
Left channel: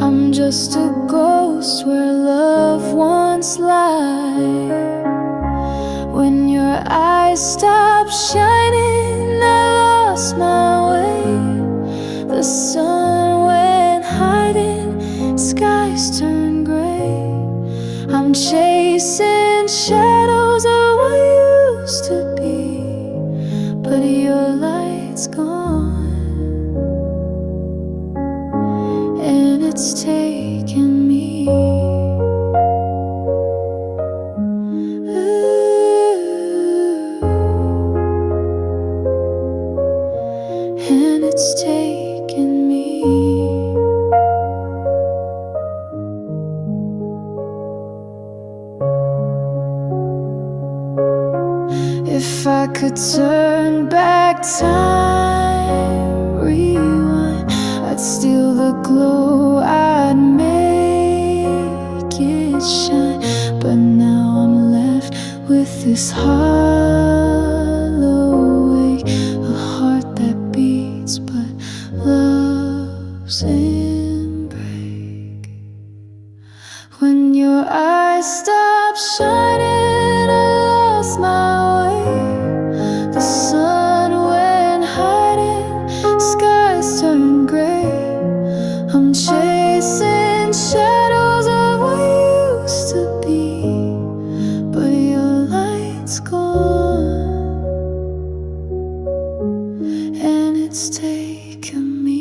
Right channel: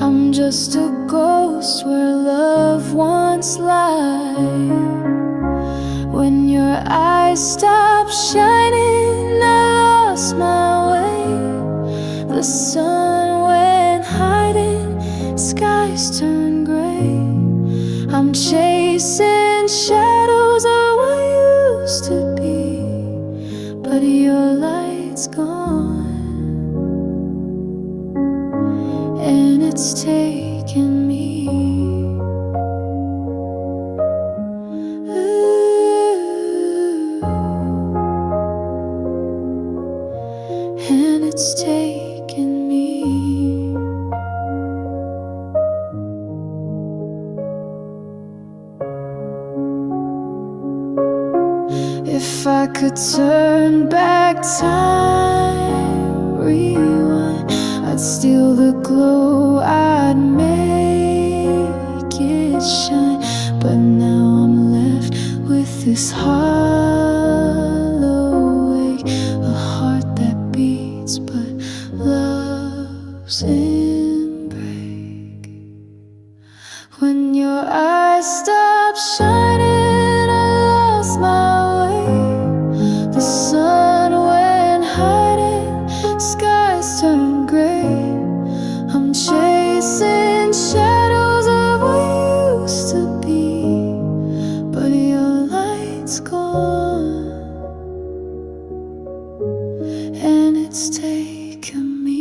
I'm just a ghost where love once lied. When your eyes stopped shining, I lost my way. The sun went hiding, skies turned gray. I'm chasing shadows of what used to be, but your light's gone, and it's taken me. Ooh, and it's taken me. If I could turn back time, rewind, I'd steal the glow, I'd make it shine. But now I'm left with this hollow ache, a heart that beats but loves in break. When your eyes stop shining, I lost my way. The sun went hiding, skies turned gray. I'm chasing shadows of what used to be, but your light's gone, and it's taken me.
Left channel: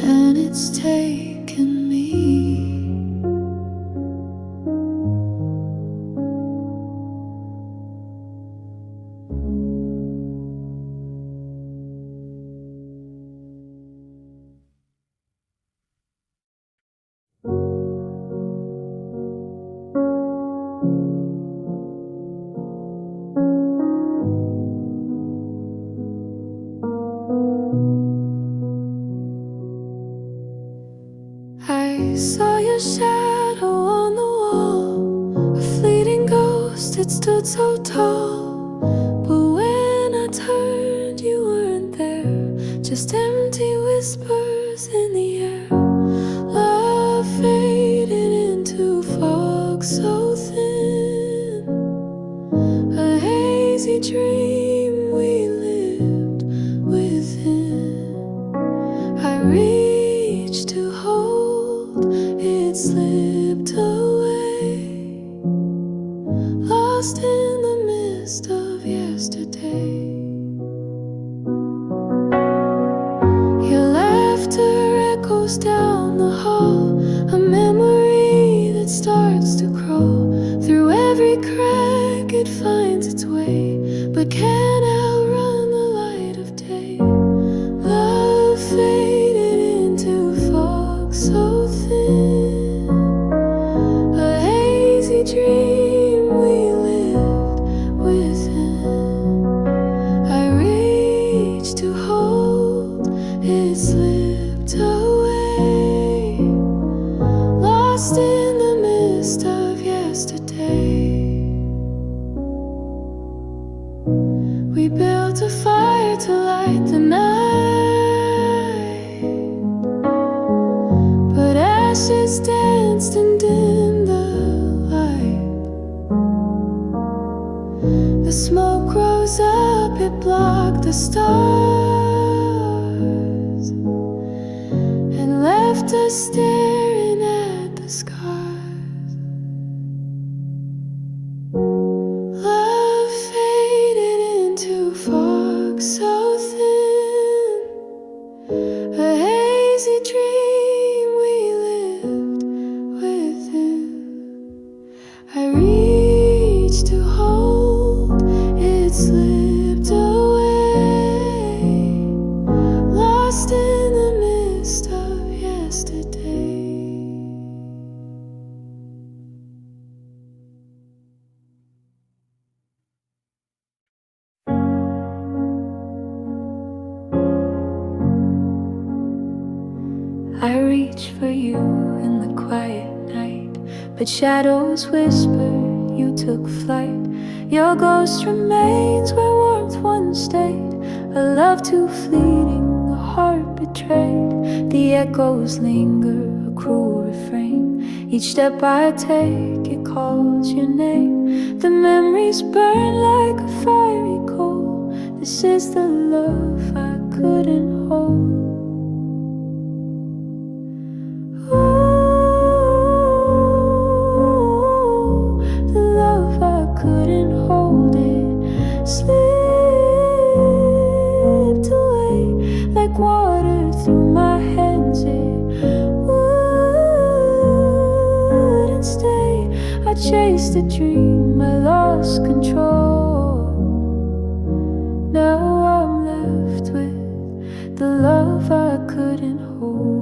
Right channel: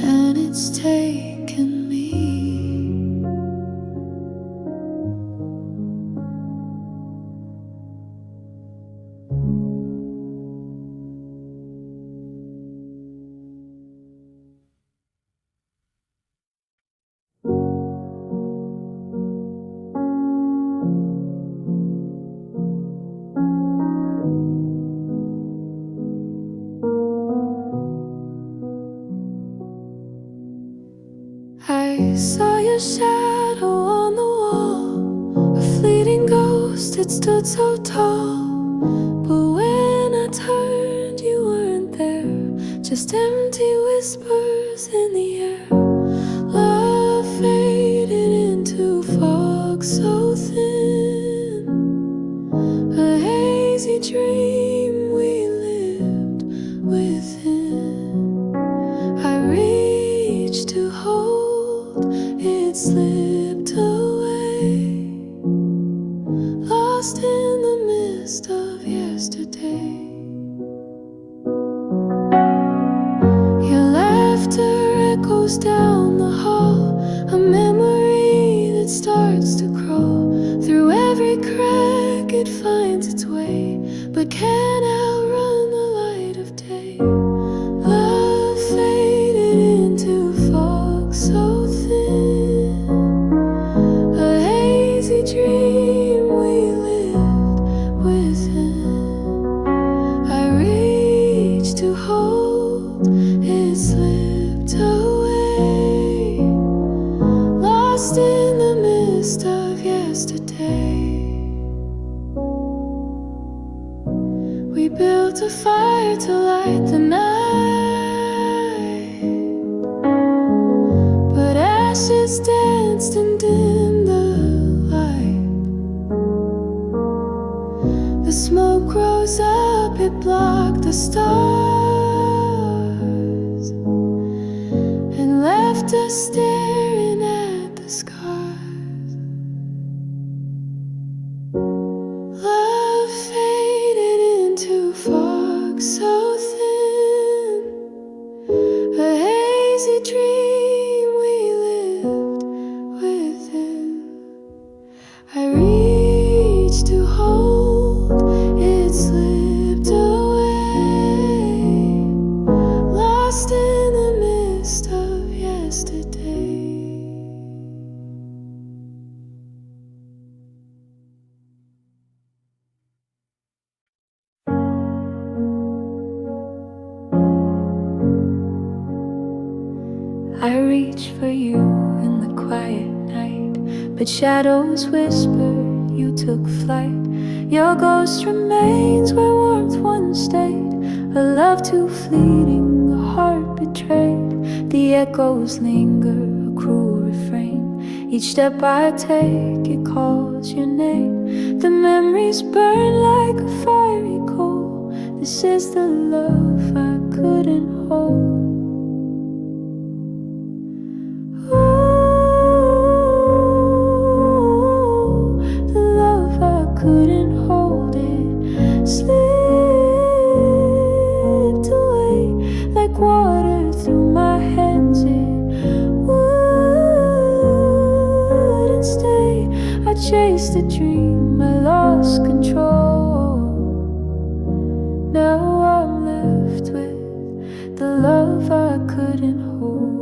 And it's taken me. I saw your shadow on the wall, a fleeting ghost, it stood so tall. But when I turned, you weren't there, just empty whispers in the air. Love faded into reached to hold, it slipped away, lost in the mist of yesterday. Your laughter echoes down the hall, a memory that starts to crawl. Through every crack it finds its way, but can't outrun the light of day. Love faded into fog so thin, a hazy dream we lived within. I reached to hold, it slipped away, lost in the mist of yesterday. We built a fire to light the night, but ashes danced and dimmed the light. The smoke rose up, it blocked the stars and left us staring at the scars. Love faded into fog so thin, a hazy dream we lived within. I reached to hold, it slipped away, lost in the mist of yesterday. I reach for you in the quiet night, but shadows whisper you took flight. Your ghost remains where warmth once stayed, a love too fleeting, a heart betrayed. The echoes linger, a cruel refrain. Each step I take, it calls your name. The memories burn like a fiery coal. This is the love I couldn't hold. The love I couldn't hold, it slipped away like water through my hands. It wouldn't stay. I chased a dream, I lost control. Now I'm left with the love I couldn't hold.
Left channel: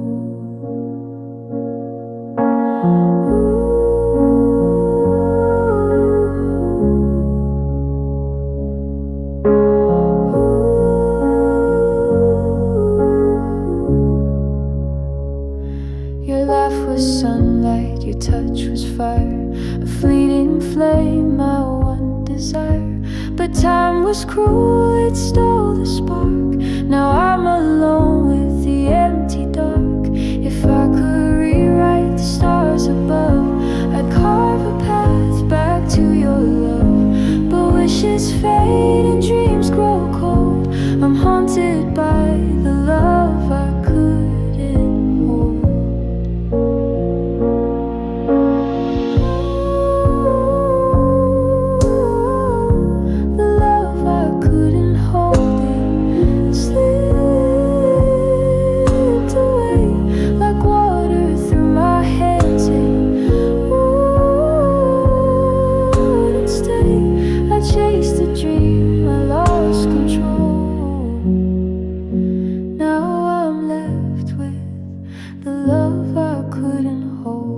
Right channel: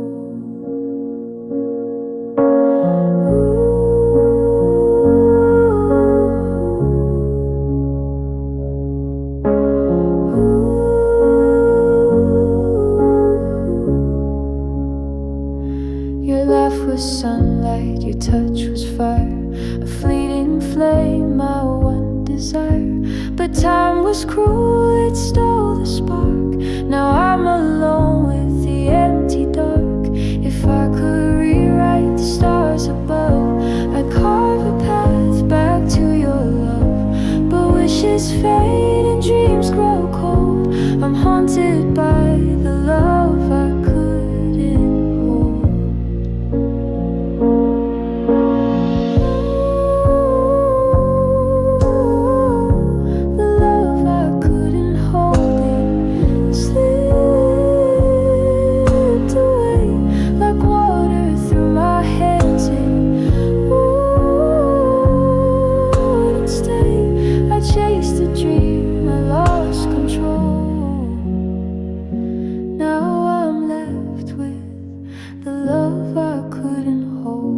Your laugh was sunlight, your touch was fire, a fleeting flame, my one desire. But time was cruel, it stole the spark. Now I'm alone with the empty dark. If I could rewrite the stars above, I'd carve a path back to your love. But wishes fade and dreams grow cold. I'm haunted by the love I couldn't hold. The love I couldn't hold, it slipped away like water through my hands. It wouldn't stay. I chased a dream, I lost control. Now I'm left with the love I couldn't hold.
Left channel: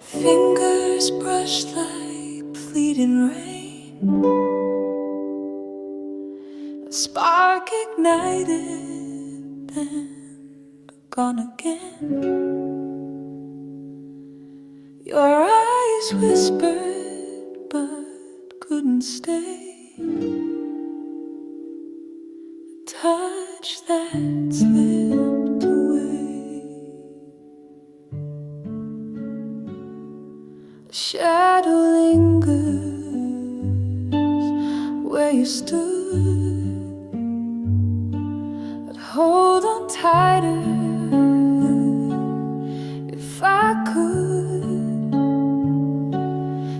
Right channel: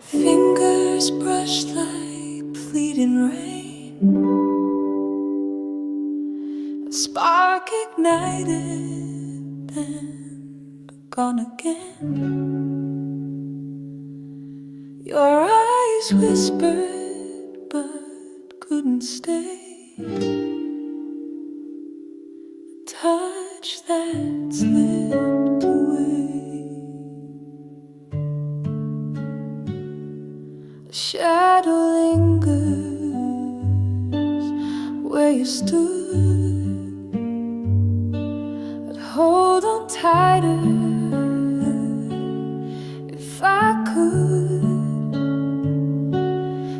Fingers brushed like fleeting rain, a spark ignited and gone again. Your eyes whispered but couldn't stay. A touch that slipped away. A shadow lingers where you stood. I'd hold on tighter if I could.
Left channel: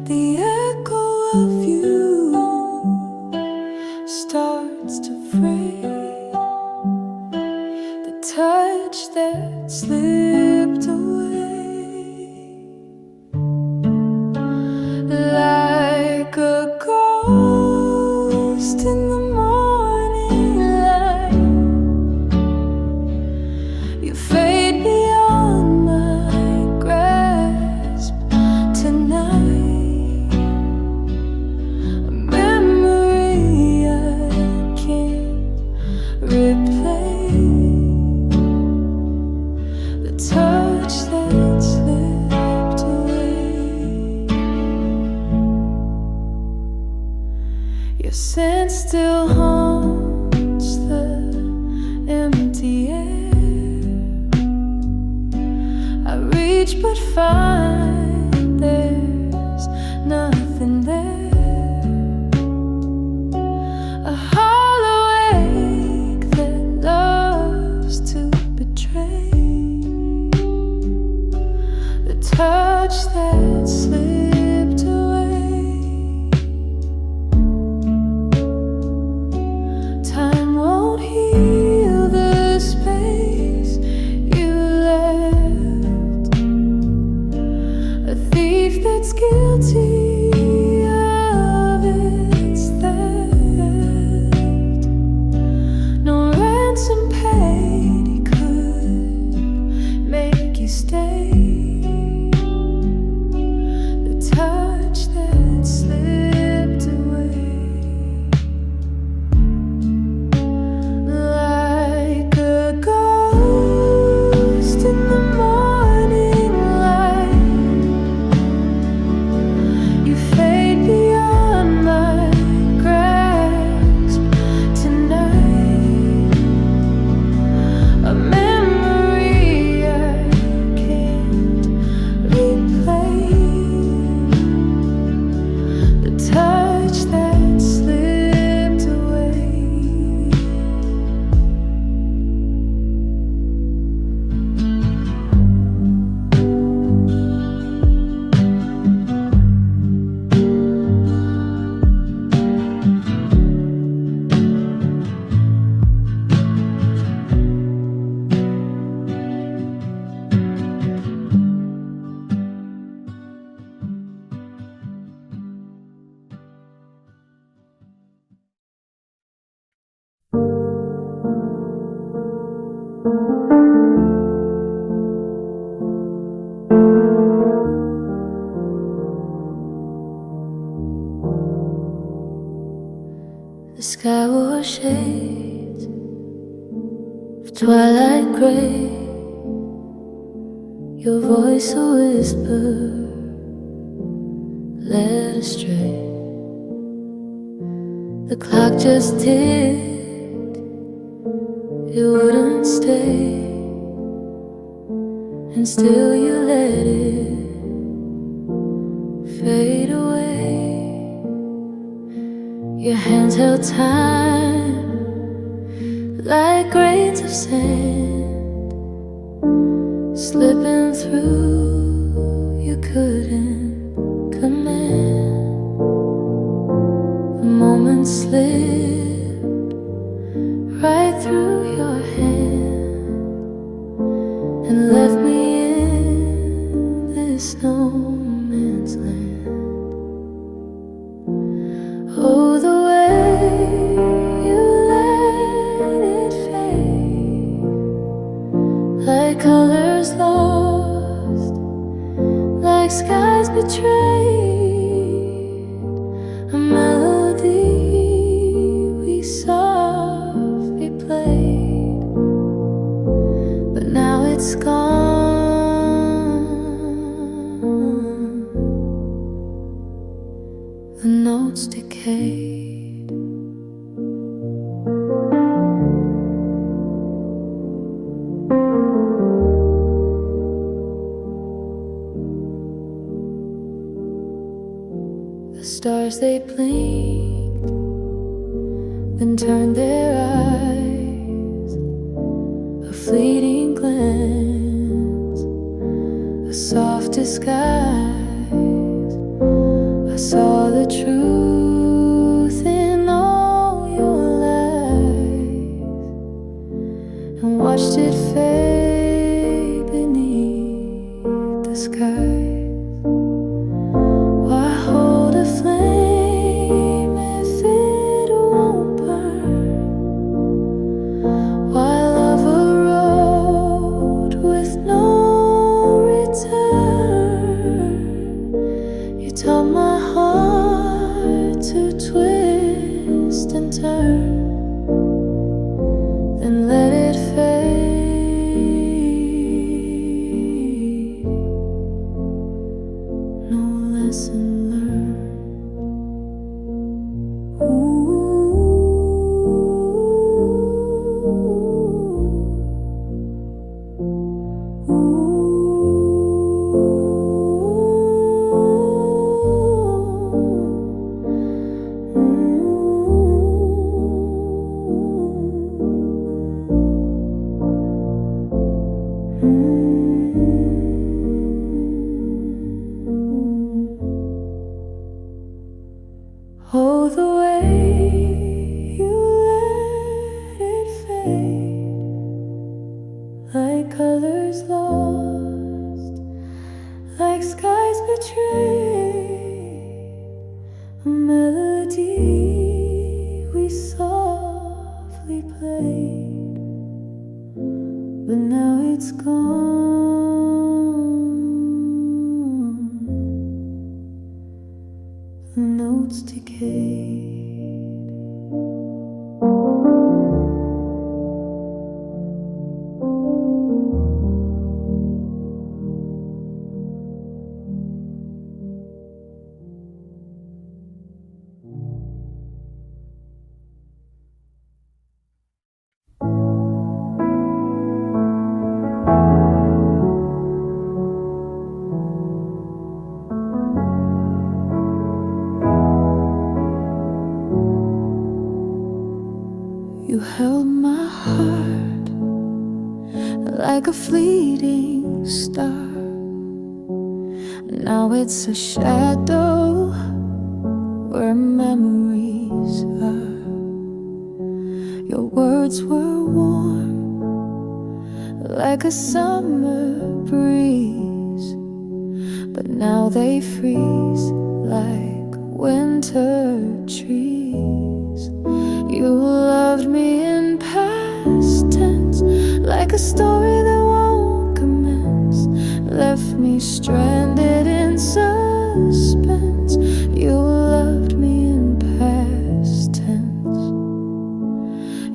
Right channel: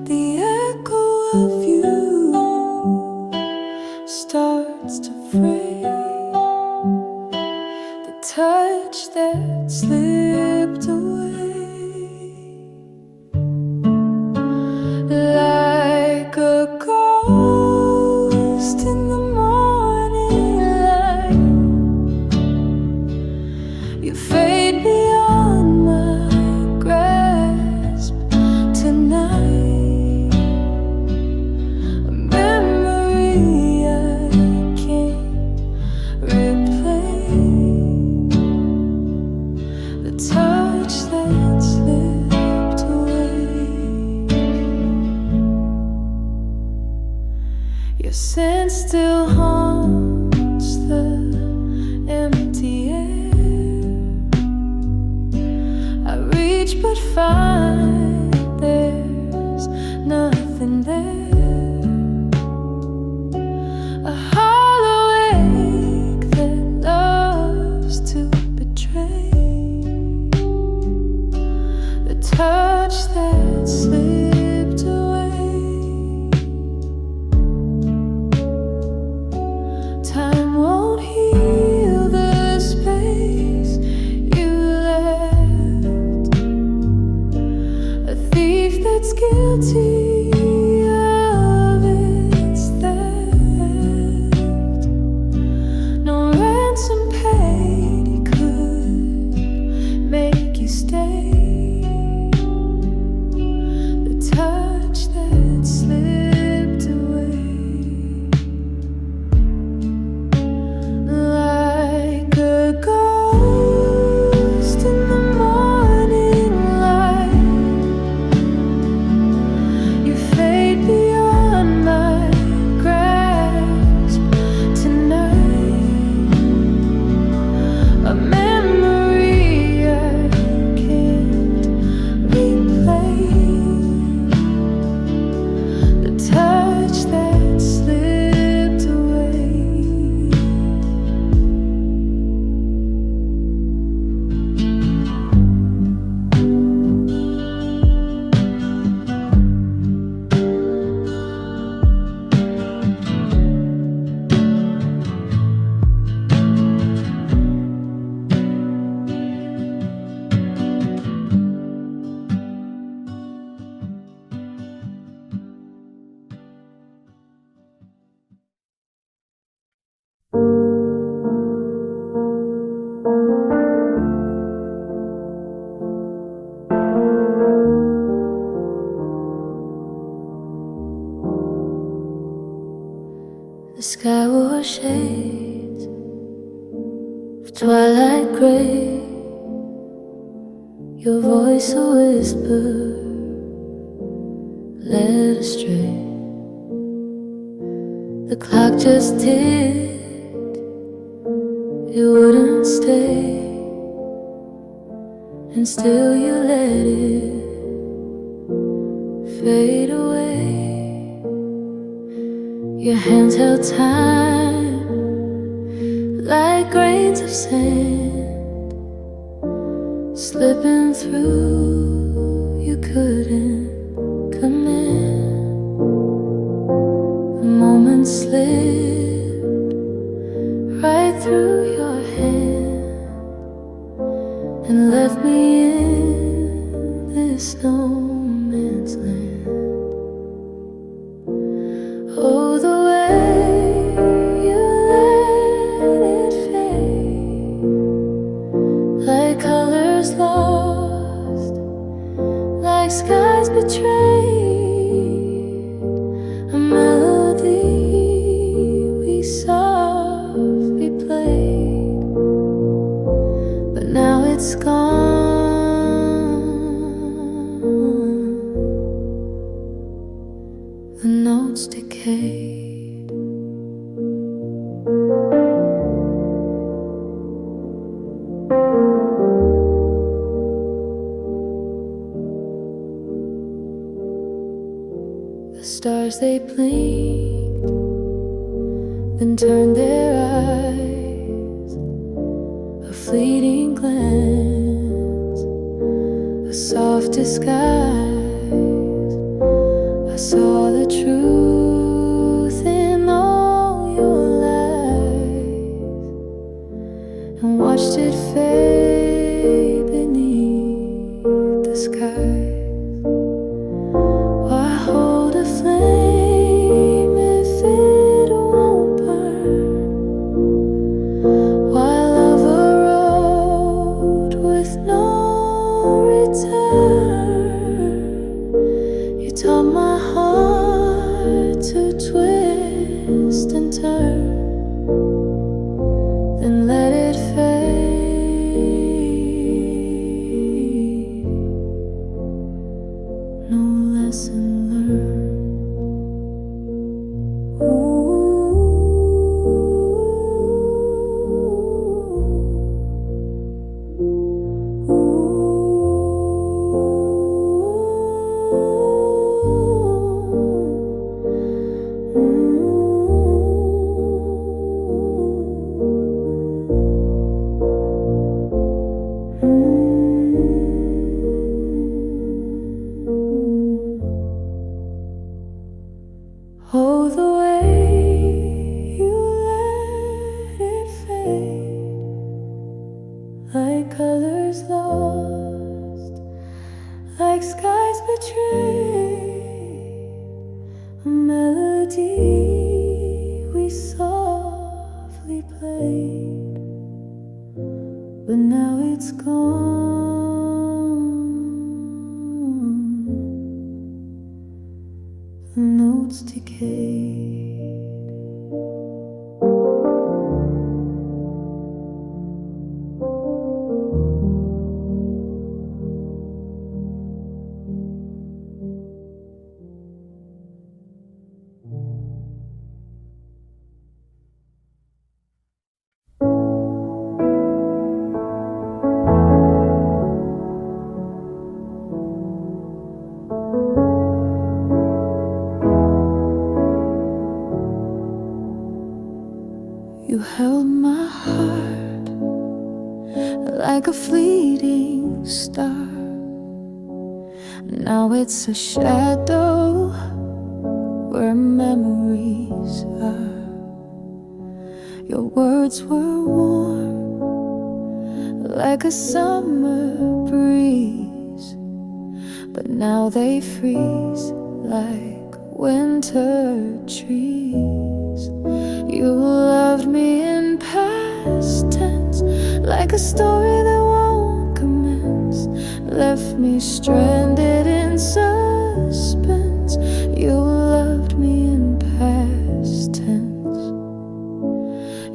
The echo of you starts to fray. The touch that slipped away, like a ghost in the morning light. You fade beyond my grasp tonight. A memory I can't replay. The touch that slipped away. Your scent still haunts the empty air. I reach but find there's nothing there. A hollow ache that loves to betray. The touch that slipped away. Time won't heal the space you left. A thief that's guilty of its theft. No ransom paid, he could make you stay. The touch that slipped away, like a ghost in the morning light. You fade beyond my grasp tonight. A memory I can't replay. The touch that slipped away. The sky wore shades of twilight gray. Your voice a whisper led astray. The clock just ticked, it wouldn't stay. And still you let it fade away. Your hands held time like grains of sand, slipping through, you couldn't command. The moment slipped right through your hand and left me in this no man's land. Oh, the way you let it fade, like colors lost, like skies betrayed. it's gone. The notes decayed. The stars they blinked, then turned their eyes. A fleeting glance, a soft disguise. I saw the truth in all your lies and watched it fade beneath the skies. Why hold a flame if it won't burn? Why love a road with no return? You taught my heart to twist and turn, then let it fade. No lesson learned. Oh, the way you let it fade, like colors lost, like skies betrayed. A melody we softly played, but now it's gone. The notes decayed. You held my heart like a fleeting star. Now it's a shadow where memories are. Your words were warm like a summer breeze, but now they freeze like winter trees. You loved me in past tense, like a story that won't commence. Left me stranded in suspense. You loved me in past tense.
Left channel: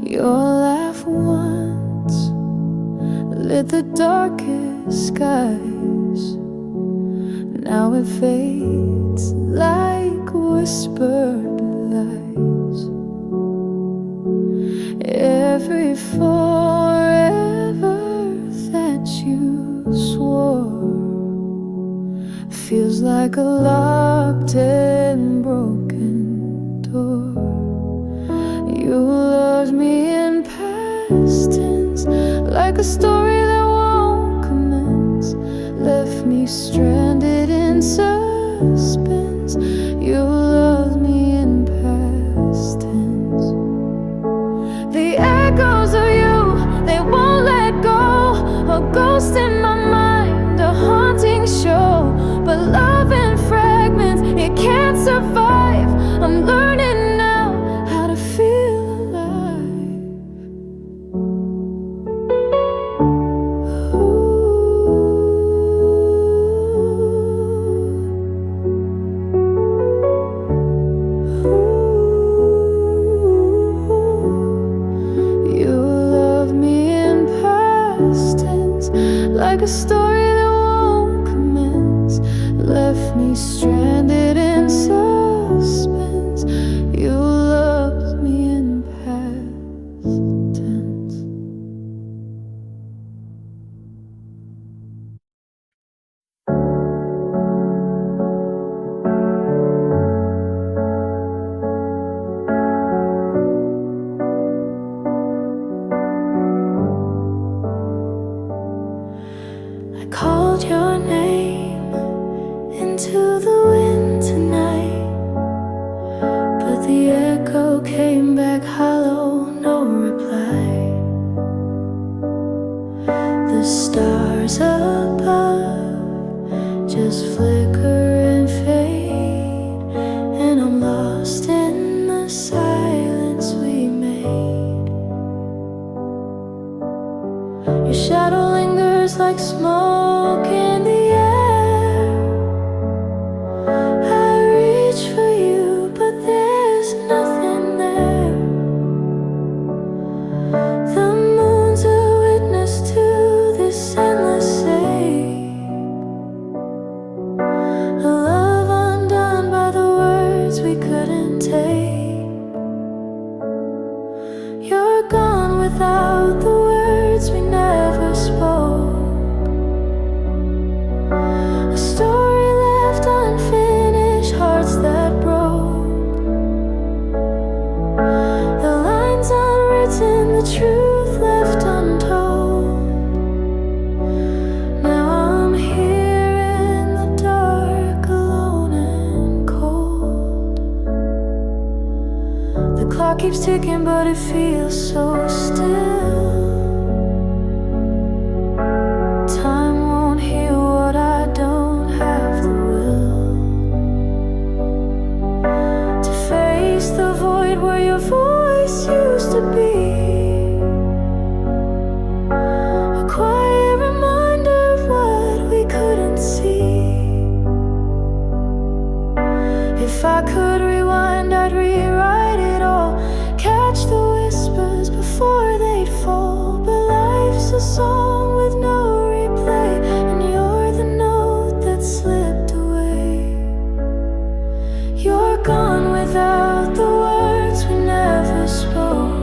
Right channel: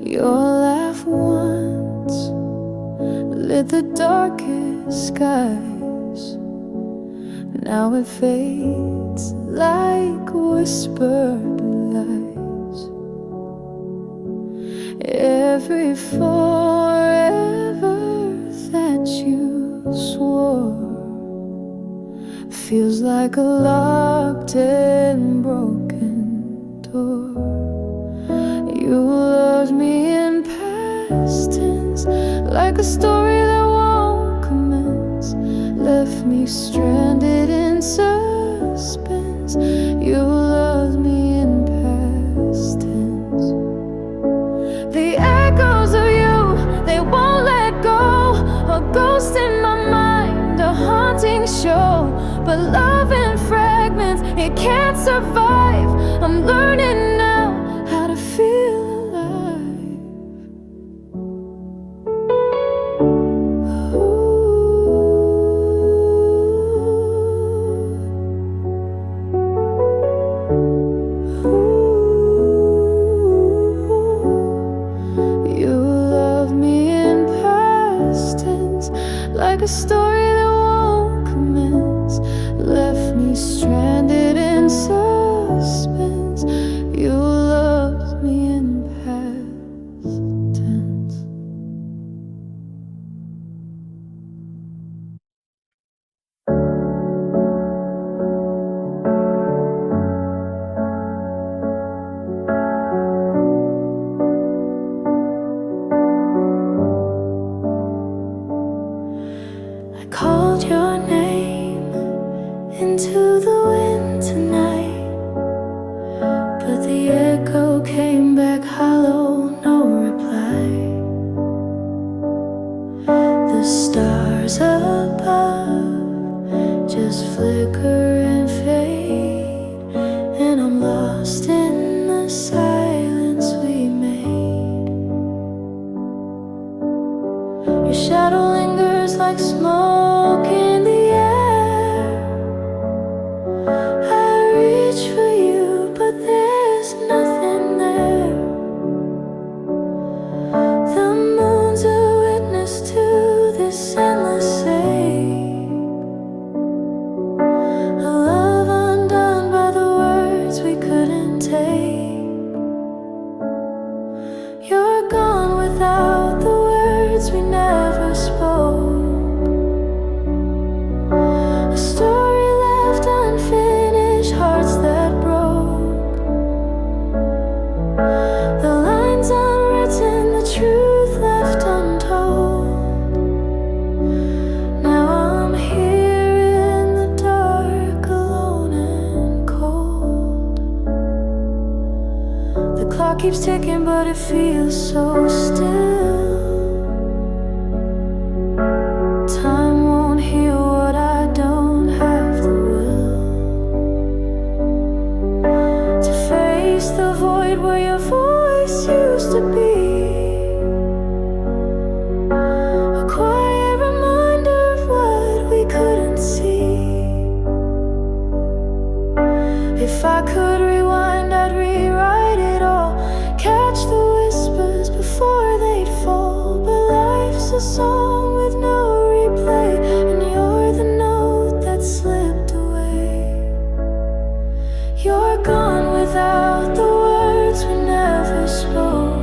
Your laugh once lit the darkest skies. Now it fades like whispered lies. Every forever that you swore feels like a locked and broken door. You loved me in past tense, like a story that won't commence. Left me stranded in suspense. You loved me in past tense. The echoes of you, they won't let go. A ghost in my mind, a haunting show. But love in fragments, it can't survive. I'm learning now how to feel alive. You love me in past tense, like a story that won't commence, left me stranded in suspense. You loved me in past tense. I called your name into the wind tonight, but the echo came back hollow, no reply. The stars above just flicker and fade, and I'm lost in the silence we made. Your shadow lingers like smoke in the air. I reach for you, but there's nothing there. The moon's a witness to this endless ache, a love undone by the words we couldn't take. You're gone without the words we never spoke, a story left unfinished, hearts that broke. The lines unwritten, the truth left untold. Now I'm here in the dark, alone and cold. The clock keeps ticking, but it feels so still. Time won't heal what I don't have the will to face the void where your voice used to be, a quiet reminder of what we couldn't see. If I could rewind, I'd rewrite it all, catch the whispers before they'd fall. But life's a song with no replay, and you're the note that slipped away. You're gone without the words we never spoke,